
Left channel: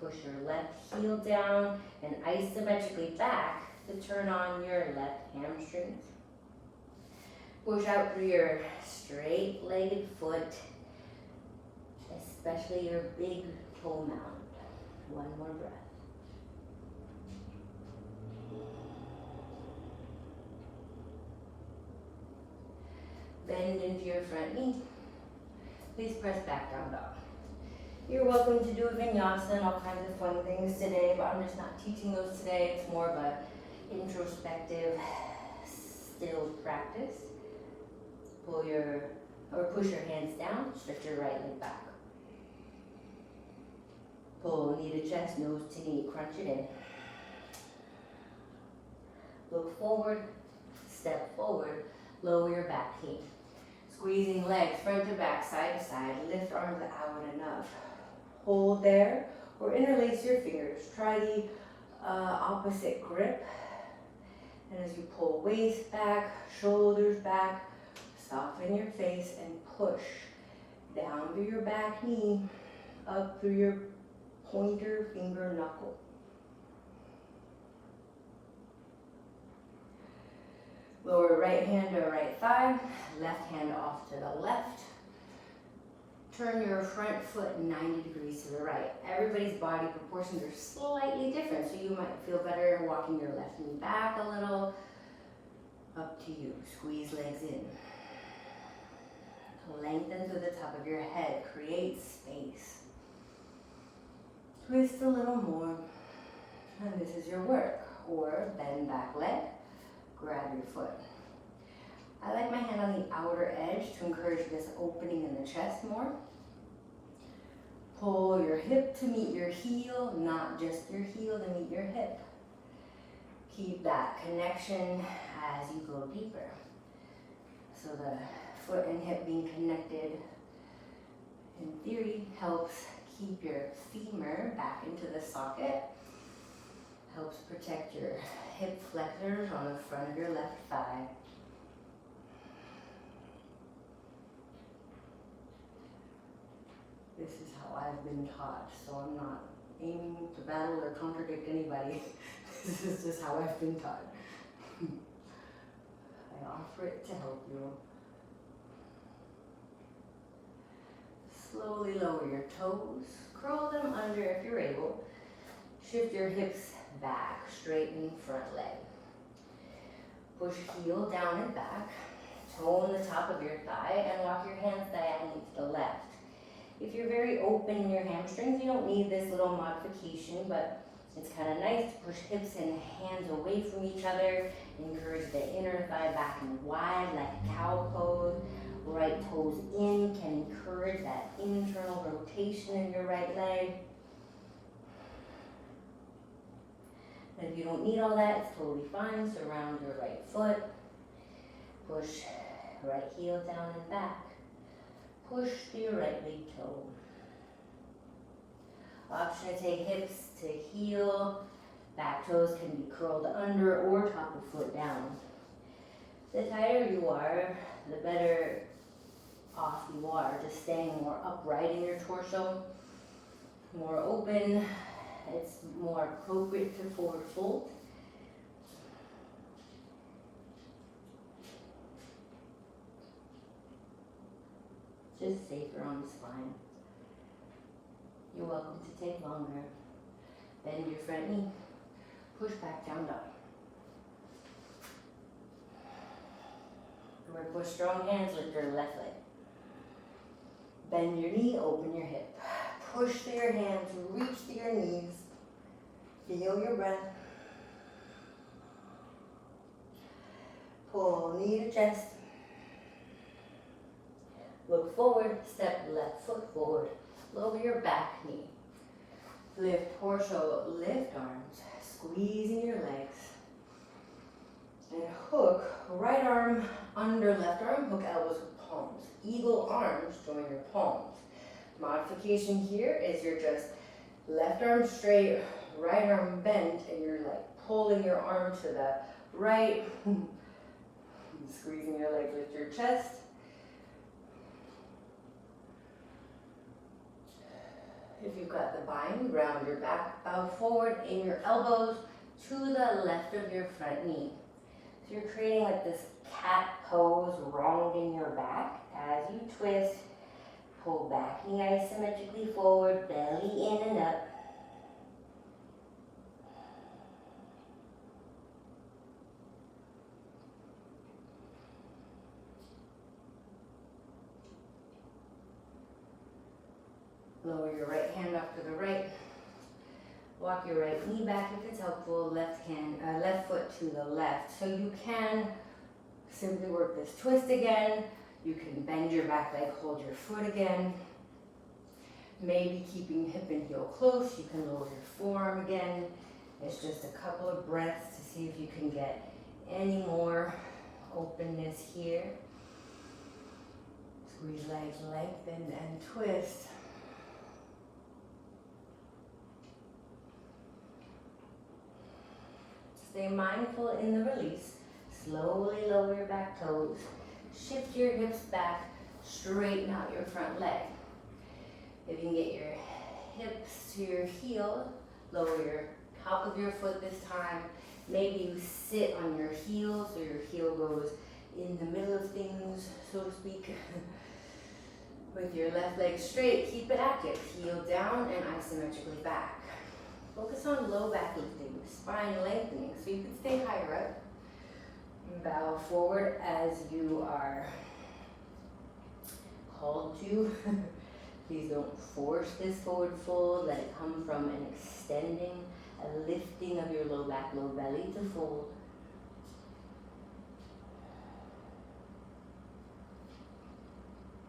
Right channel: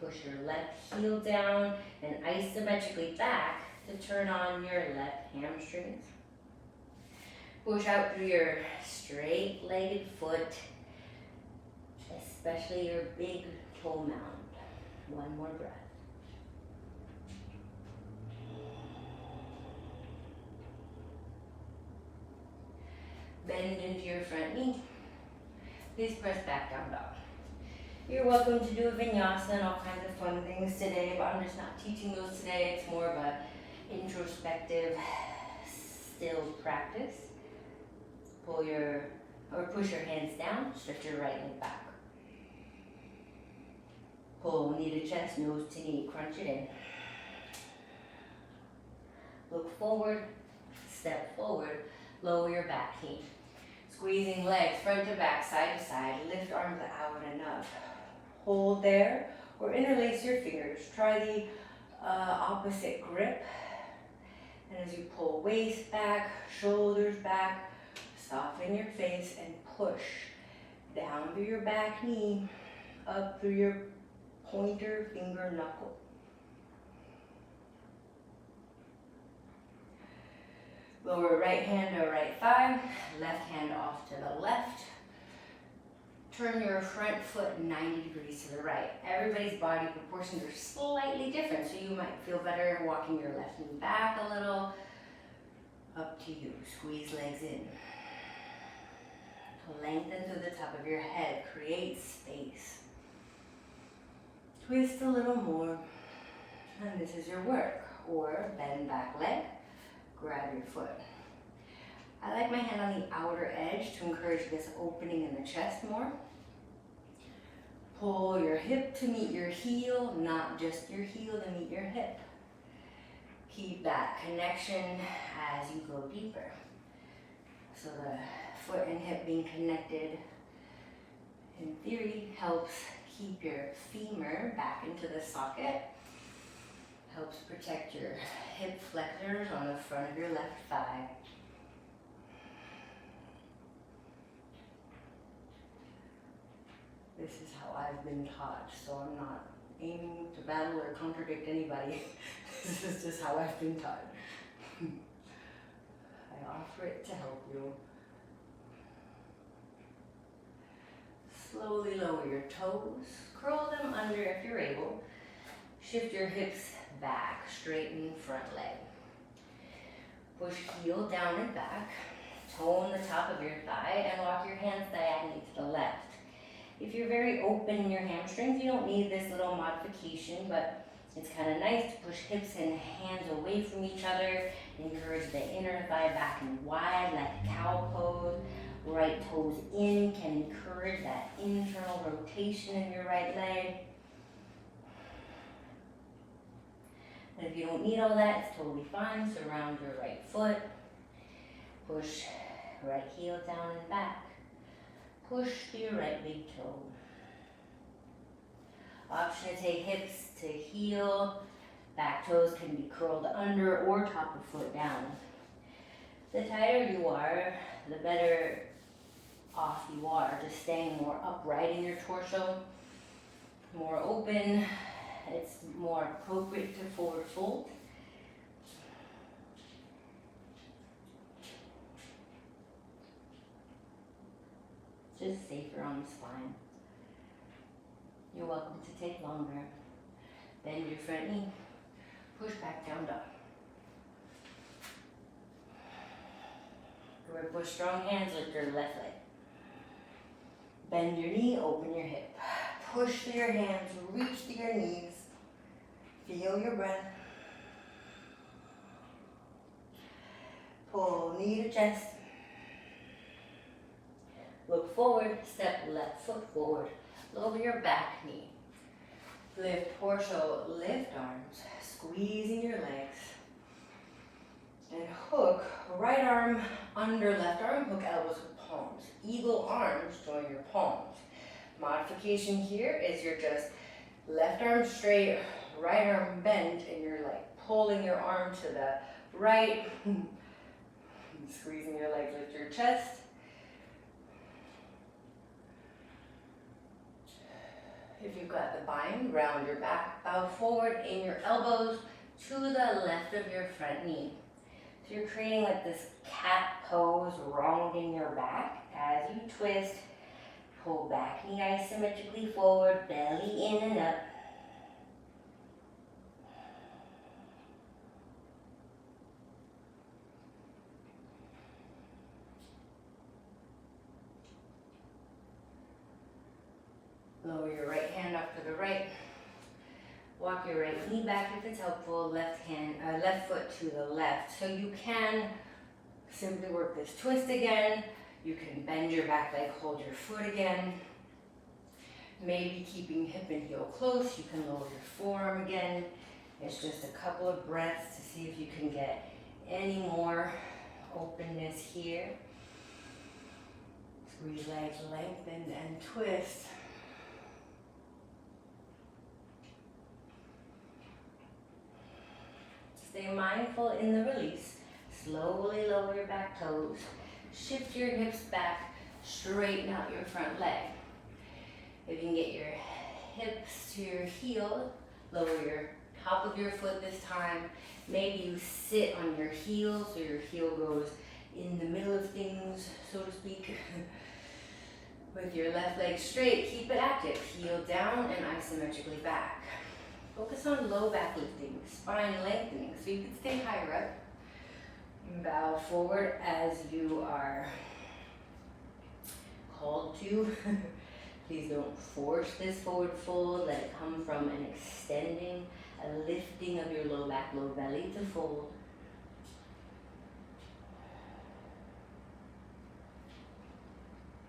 Push your left heel down and isometrically back to turn on your left hamstrings. Push out through your straight-legged foot, especially your big toe mound. One more breath. Bend into your front knee. Please press back down dog. You're welcome to do a vinyasa and all kinds of fun things today, but I'm just not teaching those today. It's more of a introspective, still practice. Push your hands down, stretch your right leg back. Pull knee to chest, nose to knee, crunch it in. Look forward, step forward, lower your back knee. Squeezing legs front to back, side to side, lift arms out enough. Hold there, or interlace your fingers. Try the opposite grip. And as you pull waist back, shoulders back, soften your face and push down through your back knee, up through your pointer finger knuckle. Lower right hand to right thigh, left hand off to the left. Turn your front foot 90 degrees to the right. Everybody's body proportions are slightly different, so you might feel better walking your left knee back a little. Up to you. Squeeze legs in. Lengthen through the top of your head. Create space. Twist a little more. And this is your work. Or bend back leg. Grab your foot. I like my hand on the outer edge to encourage this opening in the chest more. Pull your hip to meet your heel, not just your heel to meet your hip. Keep that connection as you go deeper. So the foot and hip being connected, in theory, helps keep your femur back into the socket. Helps protect your hip flexors on the front of your left thigh. This is how I've been taught, so I'm not aiming to battle or contradict anybody. This is just how I've been taught. I offer it to help you. Slowly lower your toes, curl them under if you're able. Shift your hips back, straighten front leg. Push heel down and back. Tone the top of your thigh and walk your hands diagonally to the left. If you're very open in your hamstrings, you don't need this little modification, but it's kind of nice to push hips and hands away from each other. Encourage the inner thigh back and wide like cow pose. Right toes in can encourage that internal rotation in your right leg. And if you don't need all that, it's totally fine. Surround your right foot. Push right heel down and back. Push to your right big toe. Option to take hips to heel. Back toes can be curled under or top of foot down. The tighter you are, the better off you are. Just staying more upright in your torso, more open. It's more appropriate to forward fold. Just safer on the spine. You're welcome to take longer. Bend your front knee. Push back down dog. Or push strong hands, lift your left leg. Bend your knee, open your hip. Push through your hands, reach through your knees. Feel your breath. Pull knee to chest. Look forward, step left foot forward. Lower your back knee. Lift torso, lift arms. Squeezing your legs. And hook right arm under left arm, hook elbows with palms. Eagle arms, join your palms. Modification here is you're just left arm straight, right arm bent, and you're like pulling your arm to the right. Squeezing your legs, lift your chest. If you've got the bind, round your back, bow forward, aim your elbows to the left of your front knee. So you're creating like this cat pose, rounding your back. As you twist, pull back knee isometrically forward, belly in and up. Lower your right hand up to the right. Walk your right knee back if it's helpful. Left foot to the left. So you can simply work this twist again. You can bend your back leg, hold your foot again. Maybe keeping hip and heel close. You can lower your forearm again. It's just a couple of breaths to see if you can get any more openness here. Squeeze legs, lengthen and twist. Stay mindful in the release. Slowly lower your back toes. Shift your hips back. Straighten out your front leg. If you can get your hips to your heel, lower your top of your foot this time. Maybe you sit on your heel so your heel goes in the middle of things, so to speak. With your left leg straight, keep it active. Heel down and isometrically back. Focus on low back lifting, spine lengthening, so you can stay higher up. Bow forward as you are called to. Please don't force this forward fold. Let it come from an extending, a lifting of your low back, low belly to fold.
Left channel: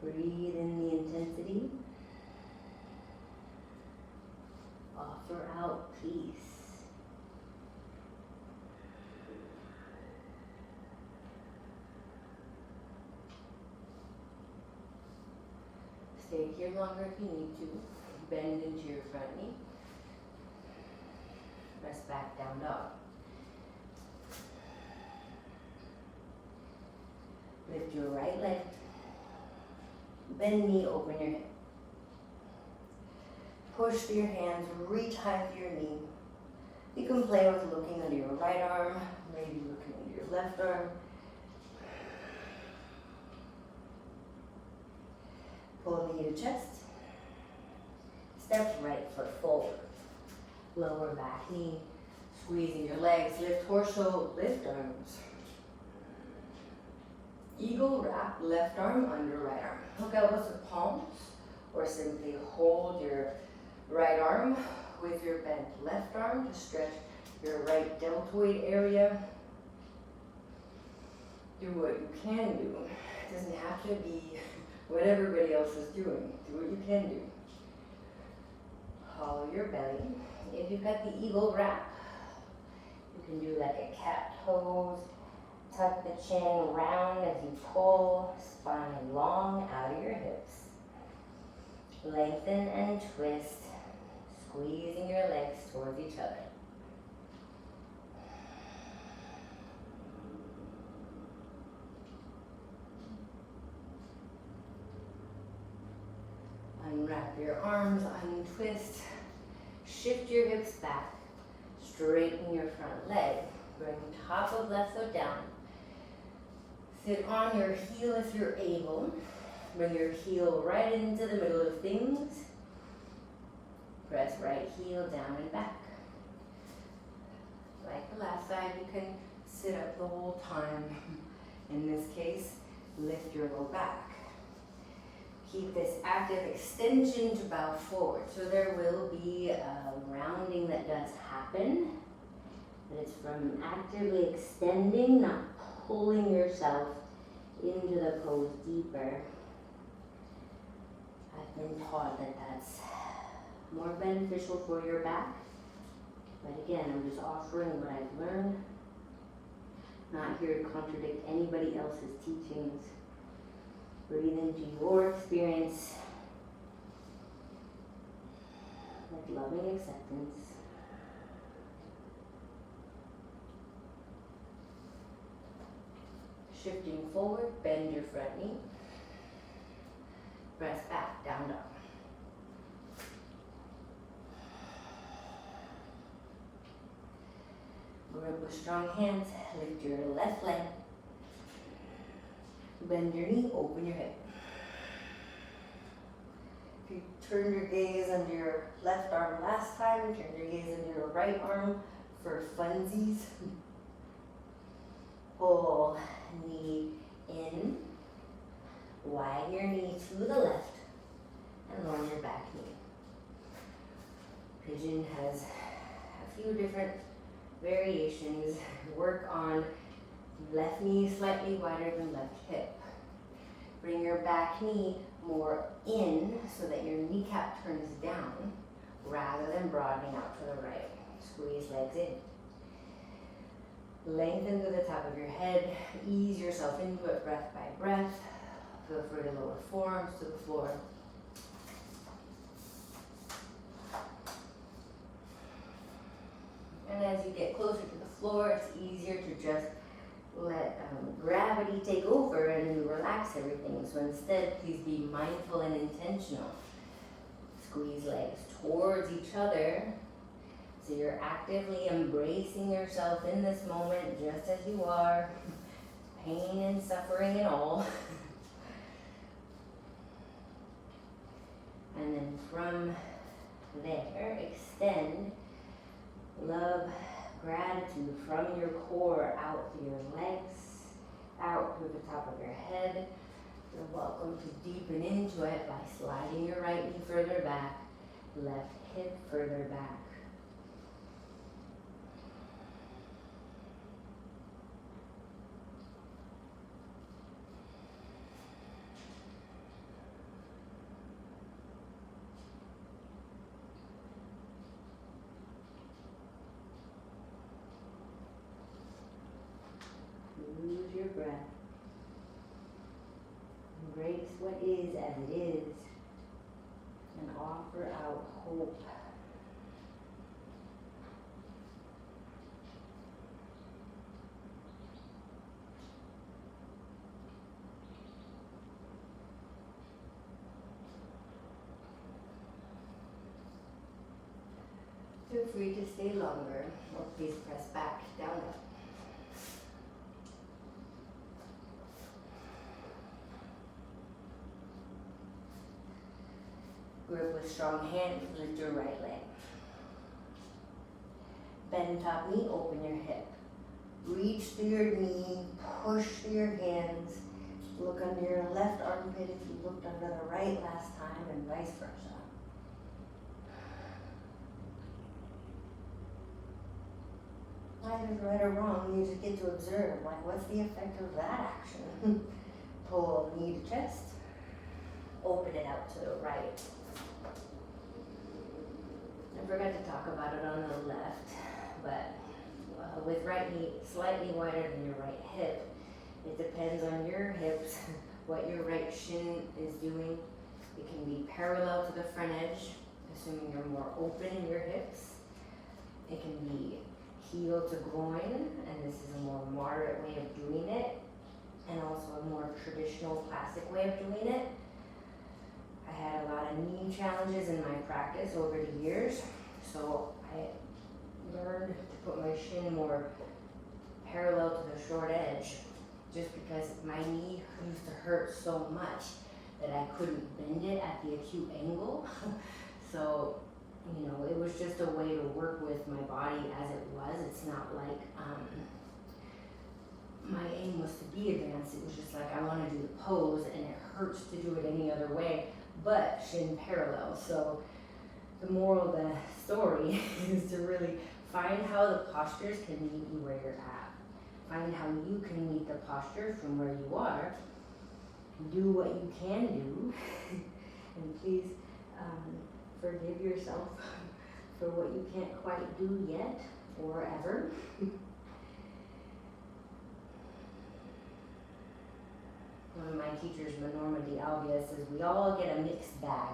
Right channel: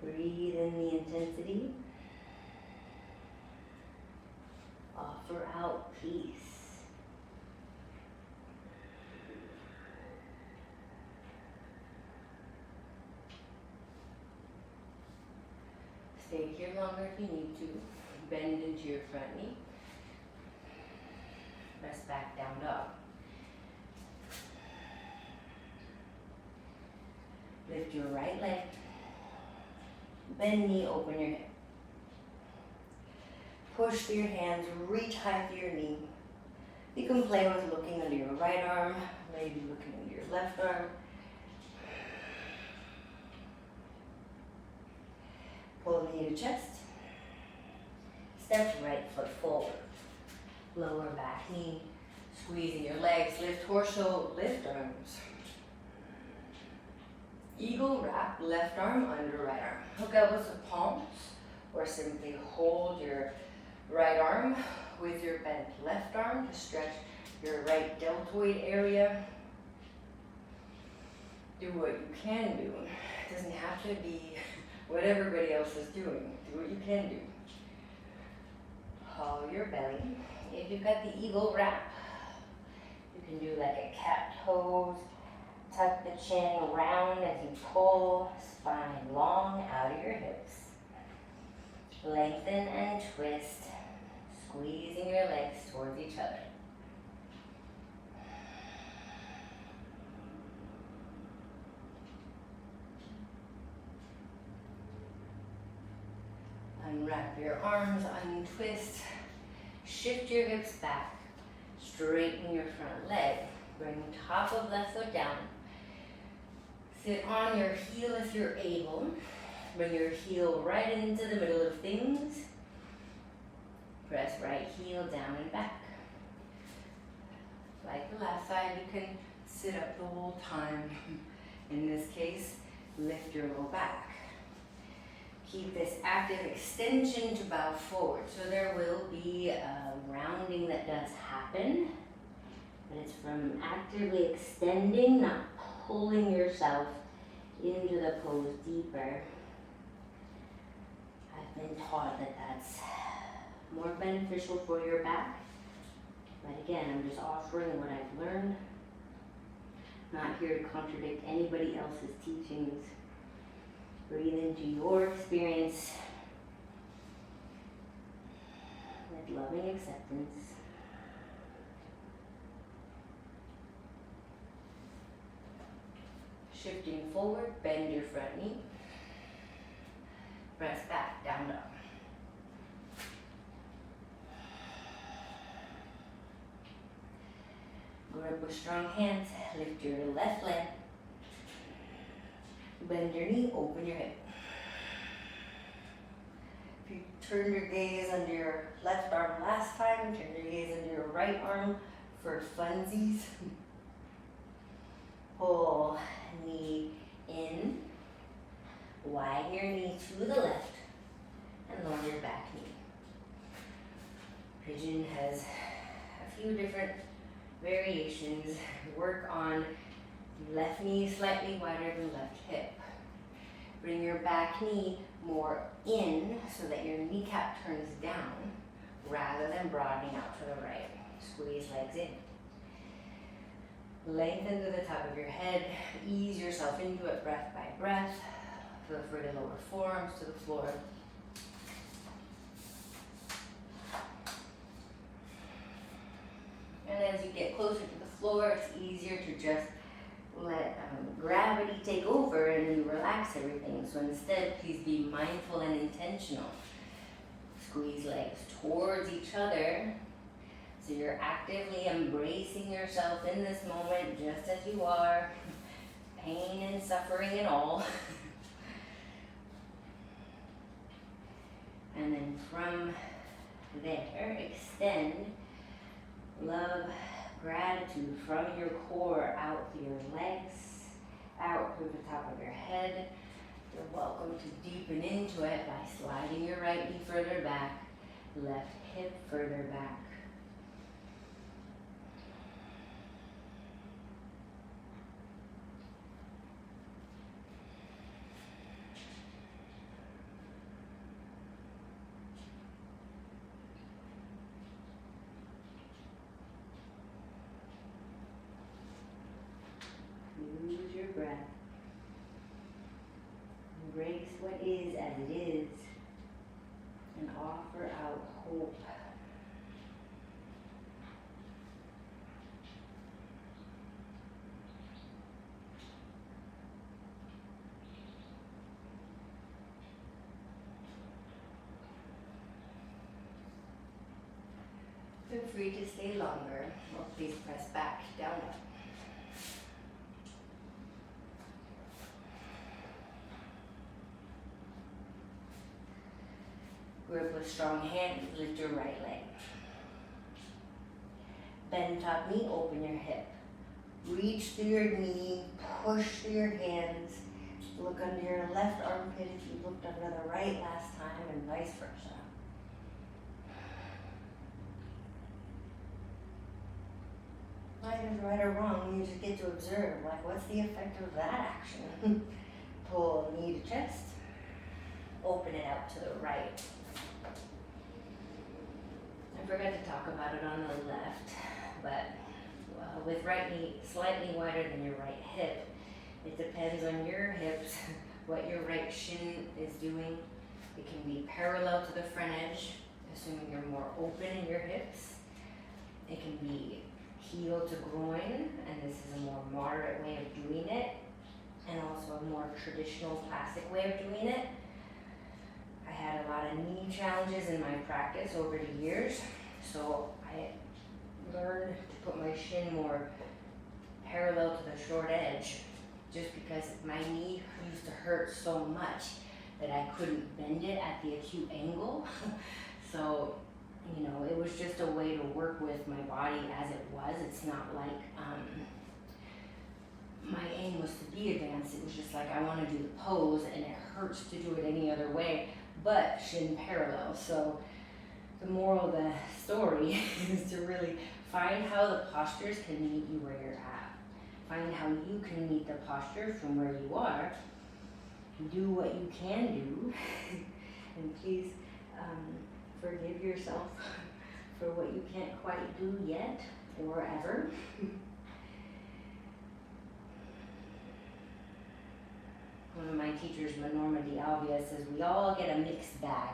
Breathe in the intensity. Offer out peace. Stay here longer if you need to. Bend into your front knee. Press back down dog. Lift your right leg. Bend knee, open your hip. Push through your hands, reach high through your knee. You can play with looking under your right arm, maybe looking under your left arm. Pull knee to chest. Step right foot forward. Lower back knee. Squeezing your legs, lift torso, lift arms. Eagle wrap, left arm under right arm. Hook elbows to the palms, or simply hold your right arm with your bent left arm to stretch your right deltoid area. Do what you can do. It doesn't have to be what everybody else is doing. Do what you can do. Hollow your belly. If you've got the eagle wrap, you can do like a cat pose. Tuck the chin round as you pull, spine long out of your hips. Lengthen and twist, squeezing your legs towards each other. Unwrap your arms, untwist, shift your hips back, straighten your front leg, bring top of left foot down. Sit on your heel if you're able. Bring your heel right into the middle of things. Press right heel down and back. Like the last side, you can sit up the whole time. In this case, lift your low back. Keep this active extension to bow forward. So there will be a rounding that does happen, but it's from actively extending, not pulling yourself into the pose deeper. I've been taught that that's more beneficial for your back, but again, I'm just offering what I've learned, not here to contradict anybody else's teachings. Breathe into your experience with loving acceptance. Shifting forward, bend your front knee. Press back, down dog. Grip with strong hands, lift your left leg. Bend your knee, open your hip. If you turned your gaze under your left arm last time, turn your gaze under your right arm for funsies. Pull knee in, widen your knee to the left, and lower your back knee. Pigeon has a few different variations. Work on left knee slightly wider than left hip. Bring your back knee more in so that your kneecap turns down rather than broadening out to the right. Squeeze legs in. Lengthen to the top of your head. Ease yourself into it breath by breath. Feel free to lower forearms to the floor. And as you get closer to the floor, it's easier to just let gravity take over and relax everything. So instead, please be mindful and intentional. Squeeze legs towards each other. So you're actively embracing yourself in this moment just as you are. Pain and suffering and all. And then from there, extend love, gratitude from your core out through your legs, out through the top of your head. You're welcome to deepen into it by sliding your right knee further back, left hip further back. Use your breath. Embrace what is as it is and offer out hope. Feel free to stay longer, or please press back, down, up. Grip with strong hands, lift your right leg. Bend top knee, open your hip. Reach through your knee, push through your hands, Look under your left armpit if you looked under the right last time, and vice versa. Neither right or wrong, you just get to observe, like, what's the effect of that action? Pull knee to chest, open it out to the right. I forgot to talk about it on the left, but with right knee slightly wider than your right hip, it depends on your hips, what your right shin is doing. It can be parallel to the front edge, assuming you're more open in your hips. It can be heel to groin, and this is a more moderate way of doing it, and also a more traditional classic way of doing it. I had a lot of knee challenges in my practice over the years, so I learned to put my shin more parallel to the short edge, just because my knee used to hurt so much that I couldn't bend it at the acute angle. So, you know, it was just a way to work with my body as it was. It's not like my aim was to be advanced. It was just like I want to do the pose, and it hurts to do it any other way but shin parallel. So the moral of the story is to really find how the postures can meet you where you're at. Find how you can meet the posture from where you are. Do what you can do, and please forgive yourself for what you can't quite do yet or ever. One of my teachers, Norma D'Alvia, says we all get a mixed bag.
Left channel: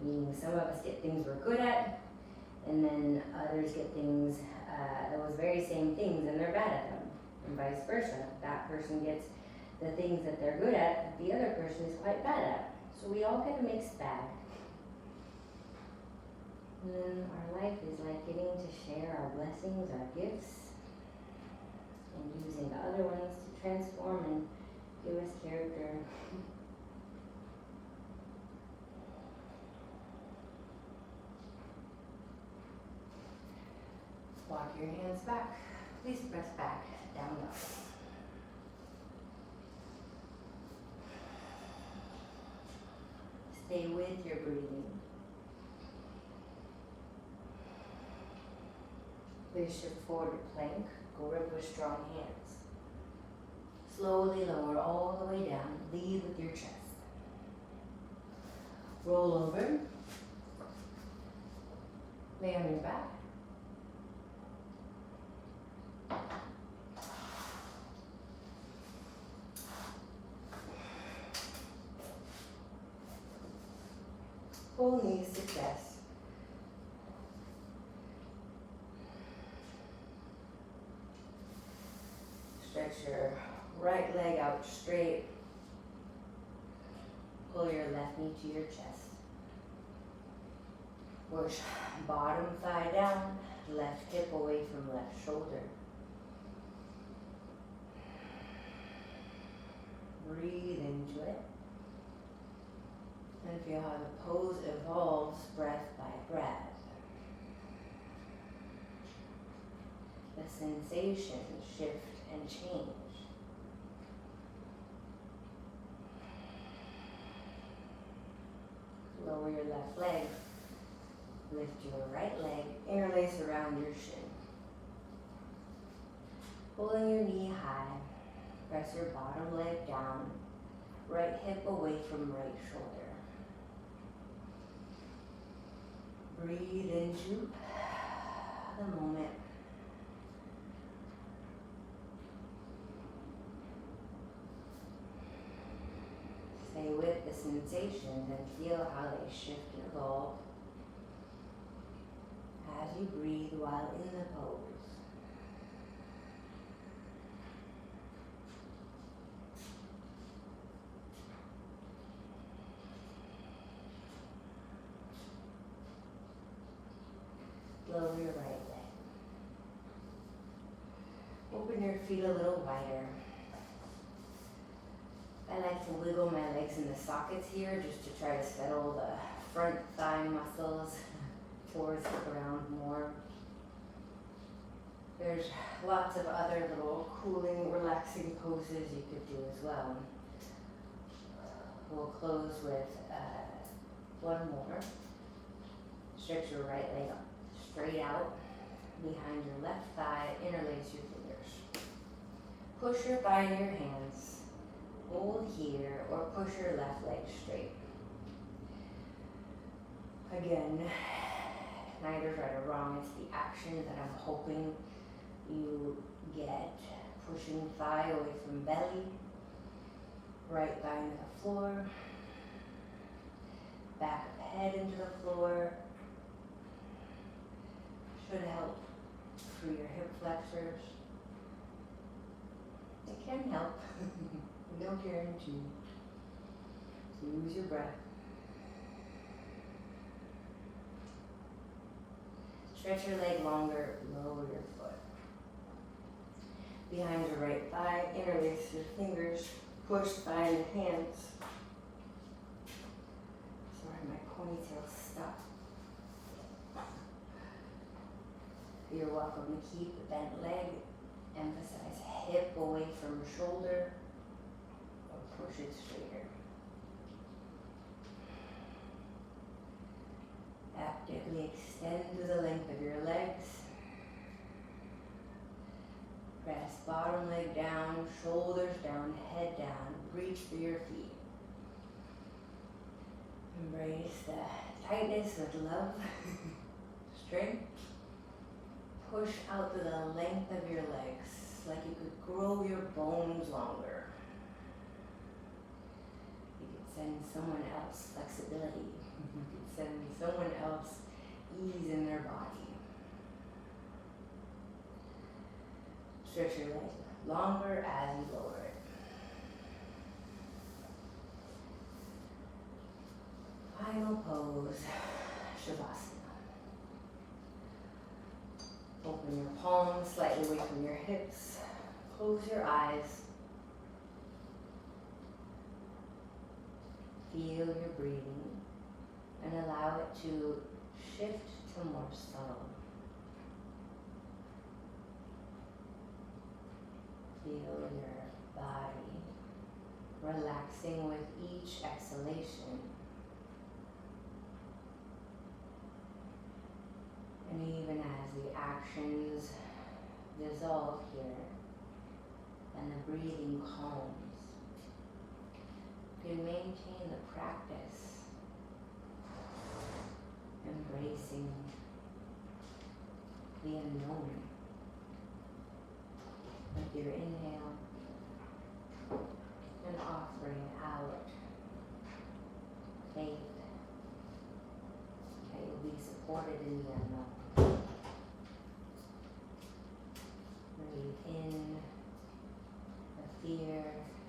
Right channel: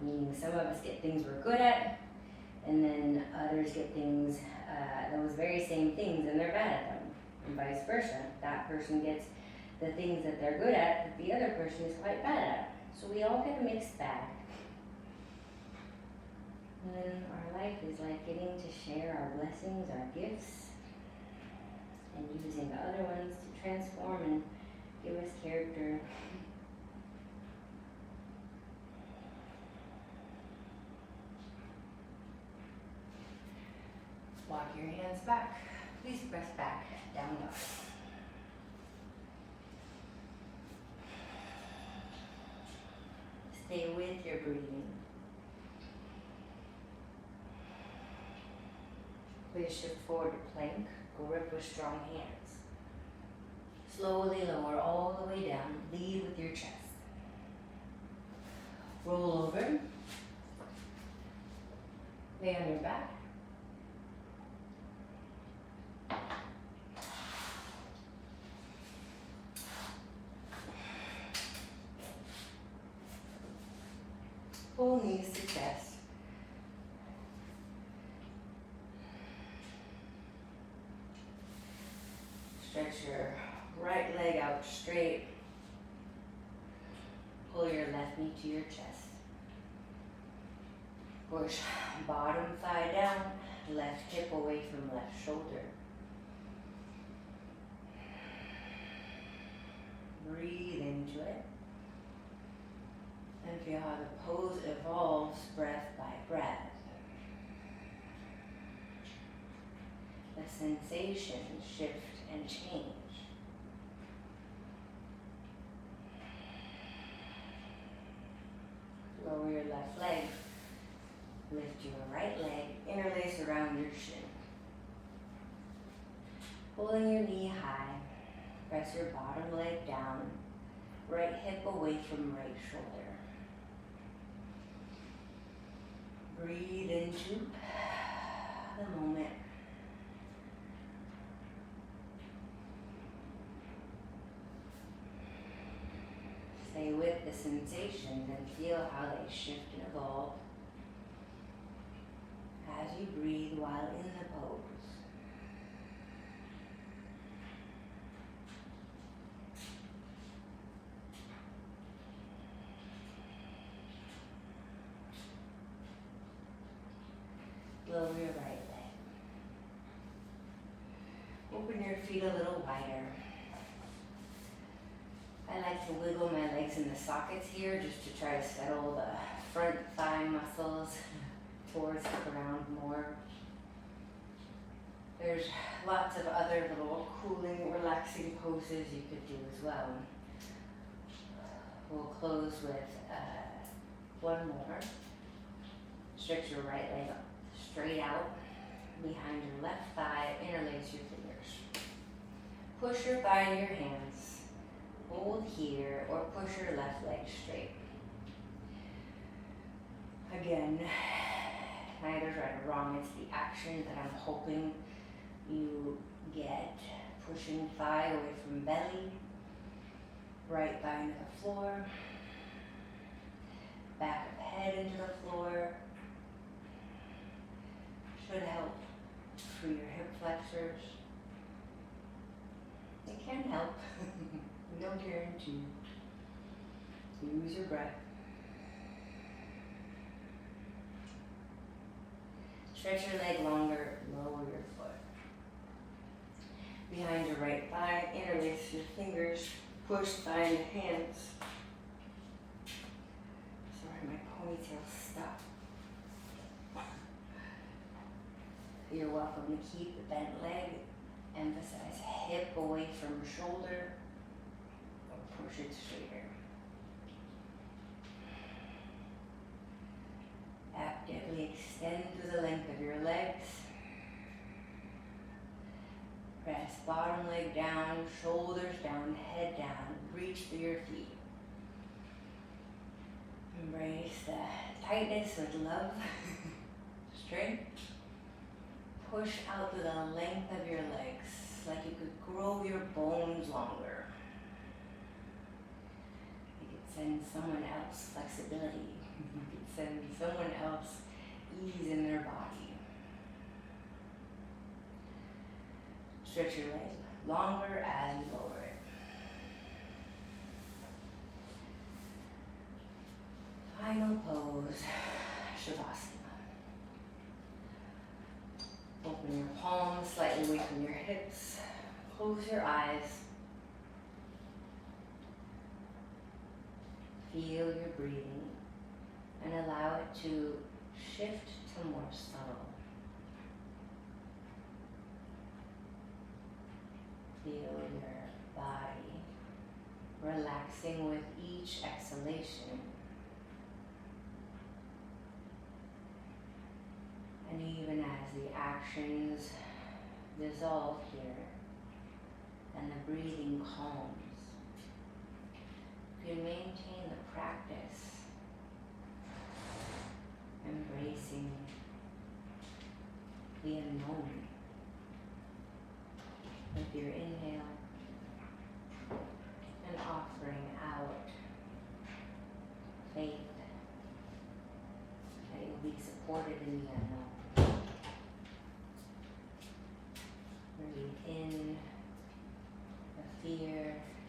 Meaning some of us get things we're good at, and then others get things, those very same things, and they're bad at them, and vice versa. That person gets the things that they're good at that the other person is quite bad at. So we all get a mixed bag. And then our life is like getting to share our blessings, our gifts, and using the other ones to transform and give us character. Walk your hands back. Please press back, down dog. Stay with your breathing. Please shift forward to plank. Grip with strong hands. Slowly lower all the way down. Lead with your chest. Roll over. Lay on your back. Pull knees to chest. Stretch your right leg out straight. Pull your left knee to your chest. Push bottom thigh down, left hip away from left shoulder. Breathe into it. And feel how the pose evolves breath by breath. The sensations shift and change. Lower your left leg. Lift your right leg. Interlace around your shin. Pulling your knee high. Press your bottom leg down. Right hip away from right shoulder. Breathe into the moment. Stay with the sensations and feel how they shift and evolve as you breathe while in the pose. Lower your right leg. Open your feet a little wider. I like to wiggle my legs in the sockets here just to try to settle the front thigh muscles towards the ground more. There's lots of other little cooling, relaxing poses you could do as well. We'll close with one more. Stretch your right leg up, straight out behind your left thigh, interlace your fingers. Push your thigh into your hands, hold here, or push your left leg straight. Again, neither right or wrong, it's the action that I'm hoping you get. Pushing thigh away from belly, right thigh into the floor, back of head into the floor. Should help through your hip flexors. It can help. No guarantee. So use your breath. Stretch your leg longer, lower your foot. Behind your right thigh, interlace your fingers, push thigh into hands. Sorry, my ponytail's stuck. You're welcome to keep the bent leg. Emphasize hip away from shoulder, or push it straighter. Actively extend to the length of your legs. Press bottom leg down, shoulders down, head down. Reach through your feet. Embrace the tightness with love. Strength. Push out to the length of your legs, like you could grow your bones longer. You could send someone else flexibility. You could send someone else ease in their body. Stretch your leg longer and lower it. Final pose, Shavasana. Open your palms slightly away from your hips. Close your eyes. Feel your breathing and allow it to shift to more subtle. Feel your body relaxing with each exhalation. And even as the actions dissolve here and the breathing calms, you can maintain the practice, embracing the unknown with your inhale and offering out faith that you'll be supported in the unknown. Breathe in the fear,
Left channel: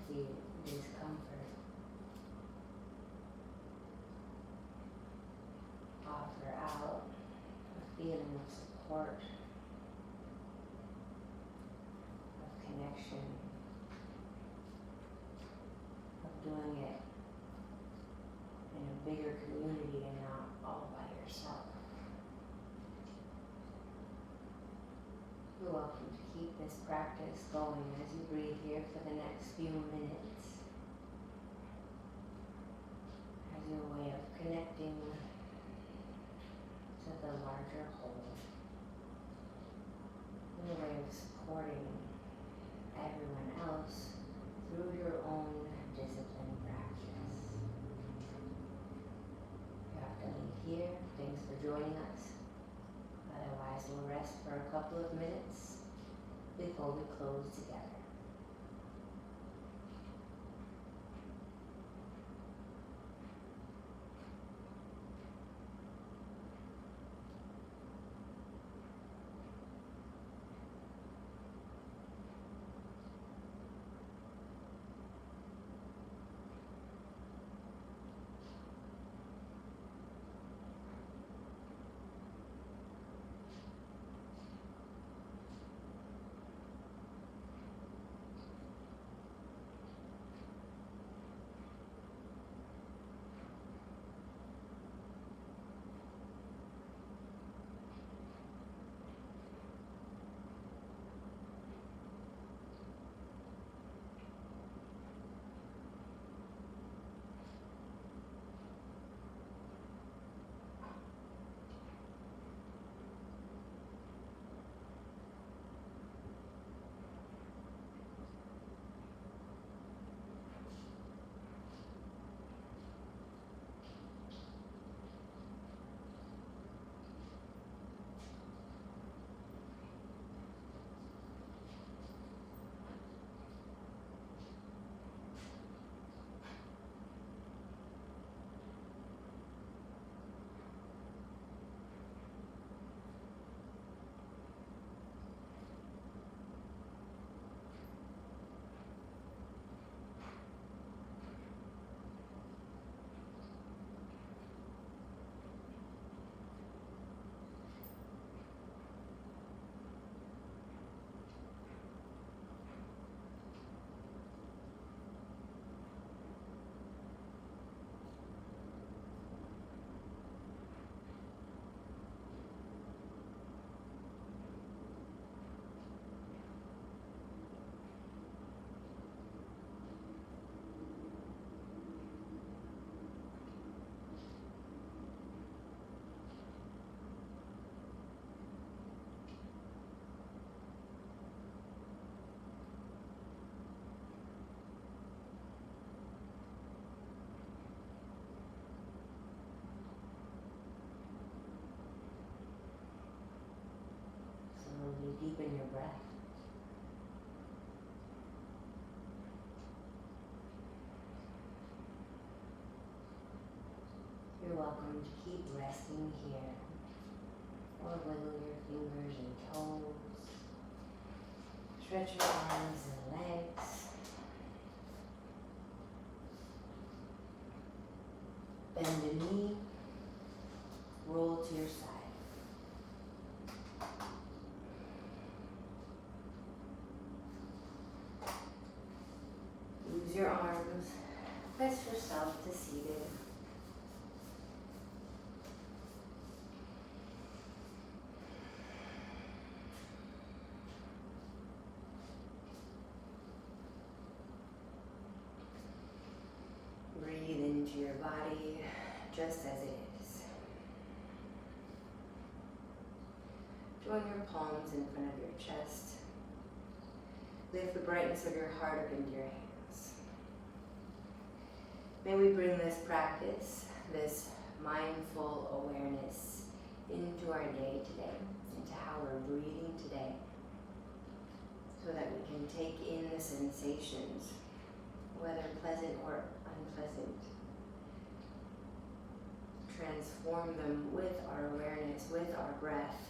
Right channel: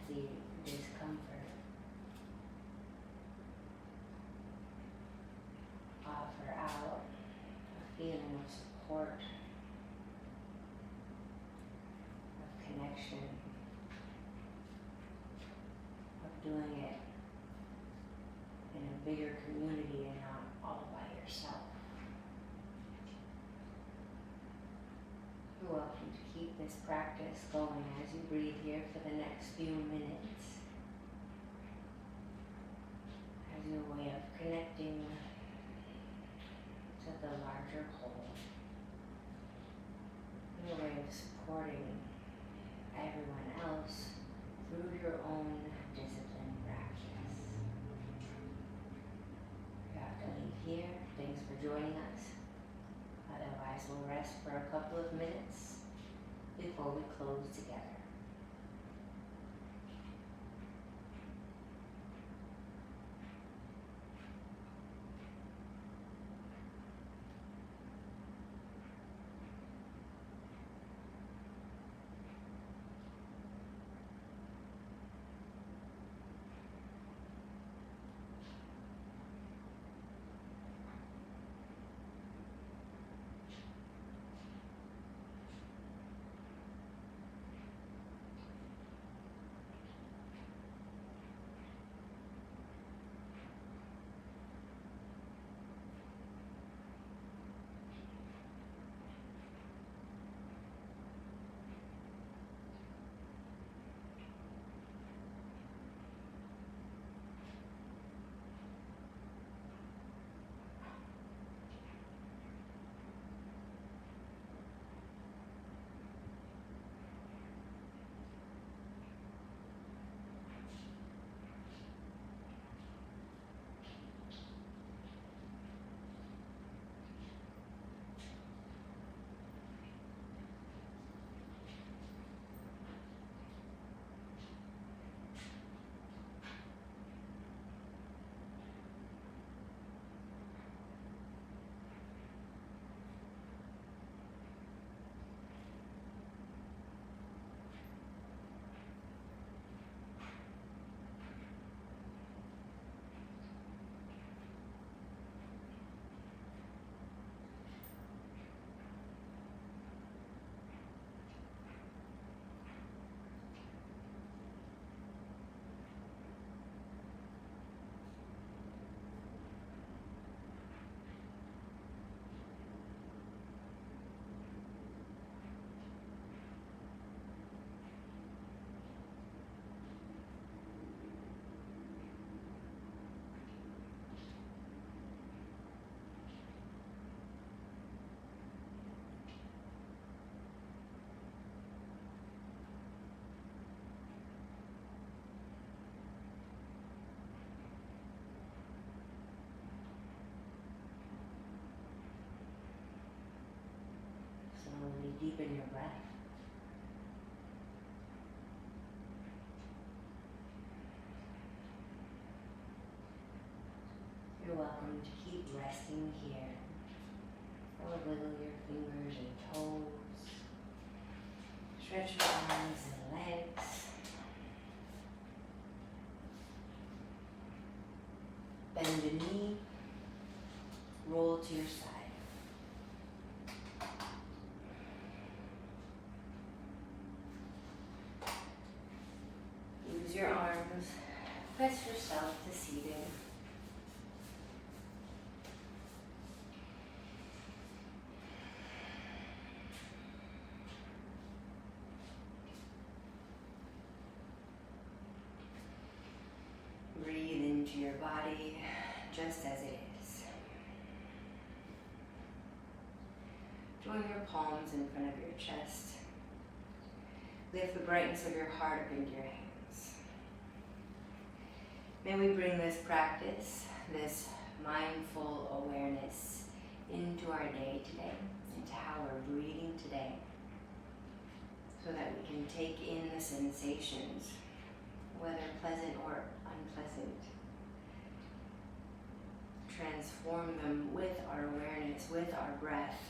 the discomfort. Offer out a feeling of support, of connection, of doing it in a bigger community and not all by yourself. You're welcome to keep this practice going as you breathe here for the next few minutes as your way of connecting to the larger whole, your way of supporting everyone else through your own discipline practice. You have to leave here. Thanks for joining us. Otherwise, we'll rest for a couple of minutes before we close together. welcome to keep resting here. Or wiggle your fingers and toes. Stretch your arms and legs. Bend the knee. Roll to your side. Use your arms. Press yourself to seated. Breathe into your body just as it is. Join your palms in front of your chest. Lift the brightness of your heart up into your hands. May we bring this practice, this mindful awareness into our day today, into how we're breathing today, so that we can take in the sensations, whether pleasant or unpleasant, transform them with our awareness, with our breath,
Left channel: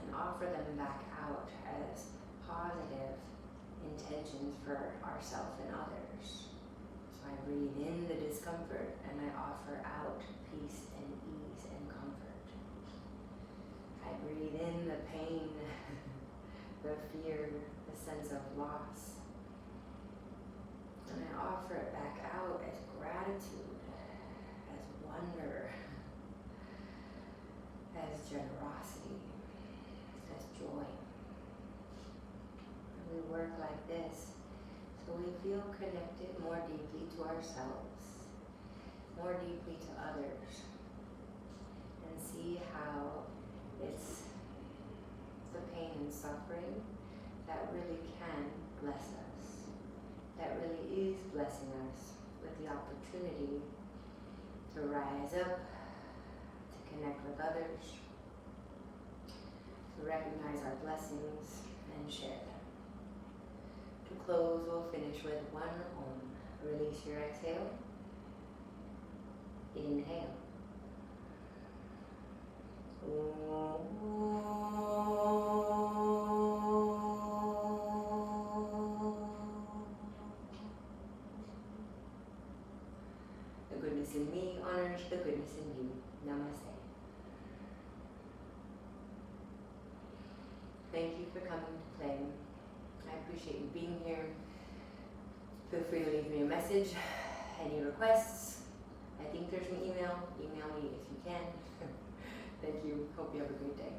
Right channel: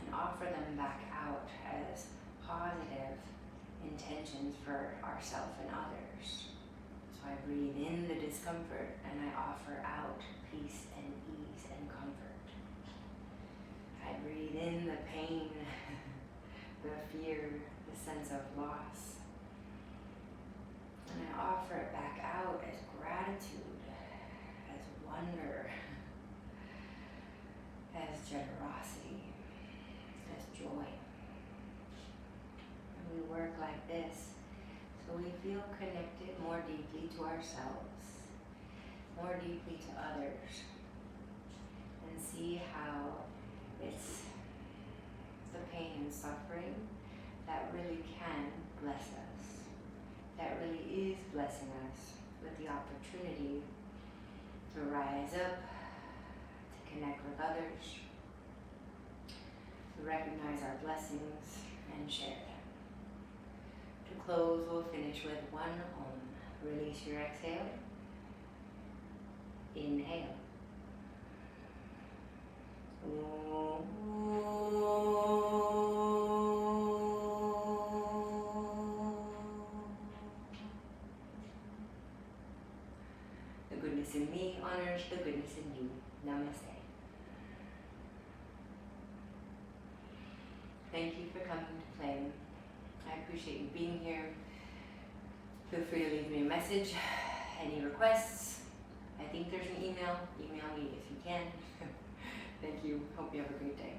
and offer them back out as positive intentions for ourselves and others. So I breathe in the discomfort and I offer out peace and ease and comfort. I breathe in the pain, the fear, the sense of loss. And I offer it back out as gratitude, as wonder, as generosity, as joy. And we work like this so we feel connected more deeply to ourselves, more deeply to others, and see how it's the pain and suffering that really can bless us, that really is blessing us with the opportunity to rise up, to connect with others, to recognize our blessings and share them. To close, we'll finish with one Om. Release your exhale. Inhale. The goodness in me honors the goodness in you. Namaste. Thank you for coming to play. I appreciate you being here. Feel free to leave me a message. Any requests? I think there's an email. Email me if you can. Thank you. Hope you have a great day.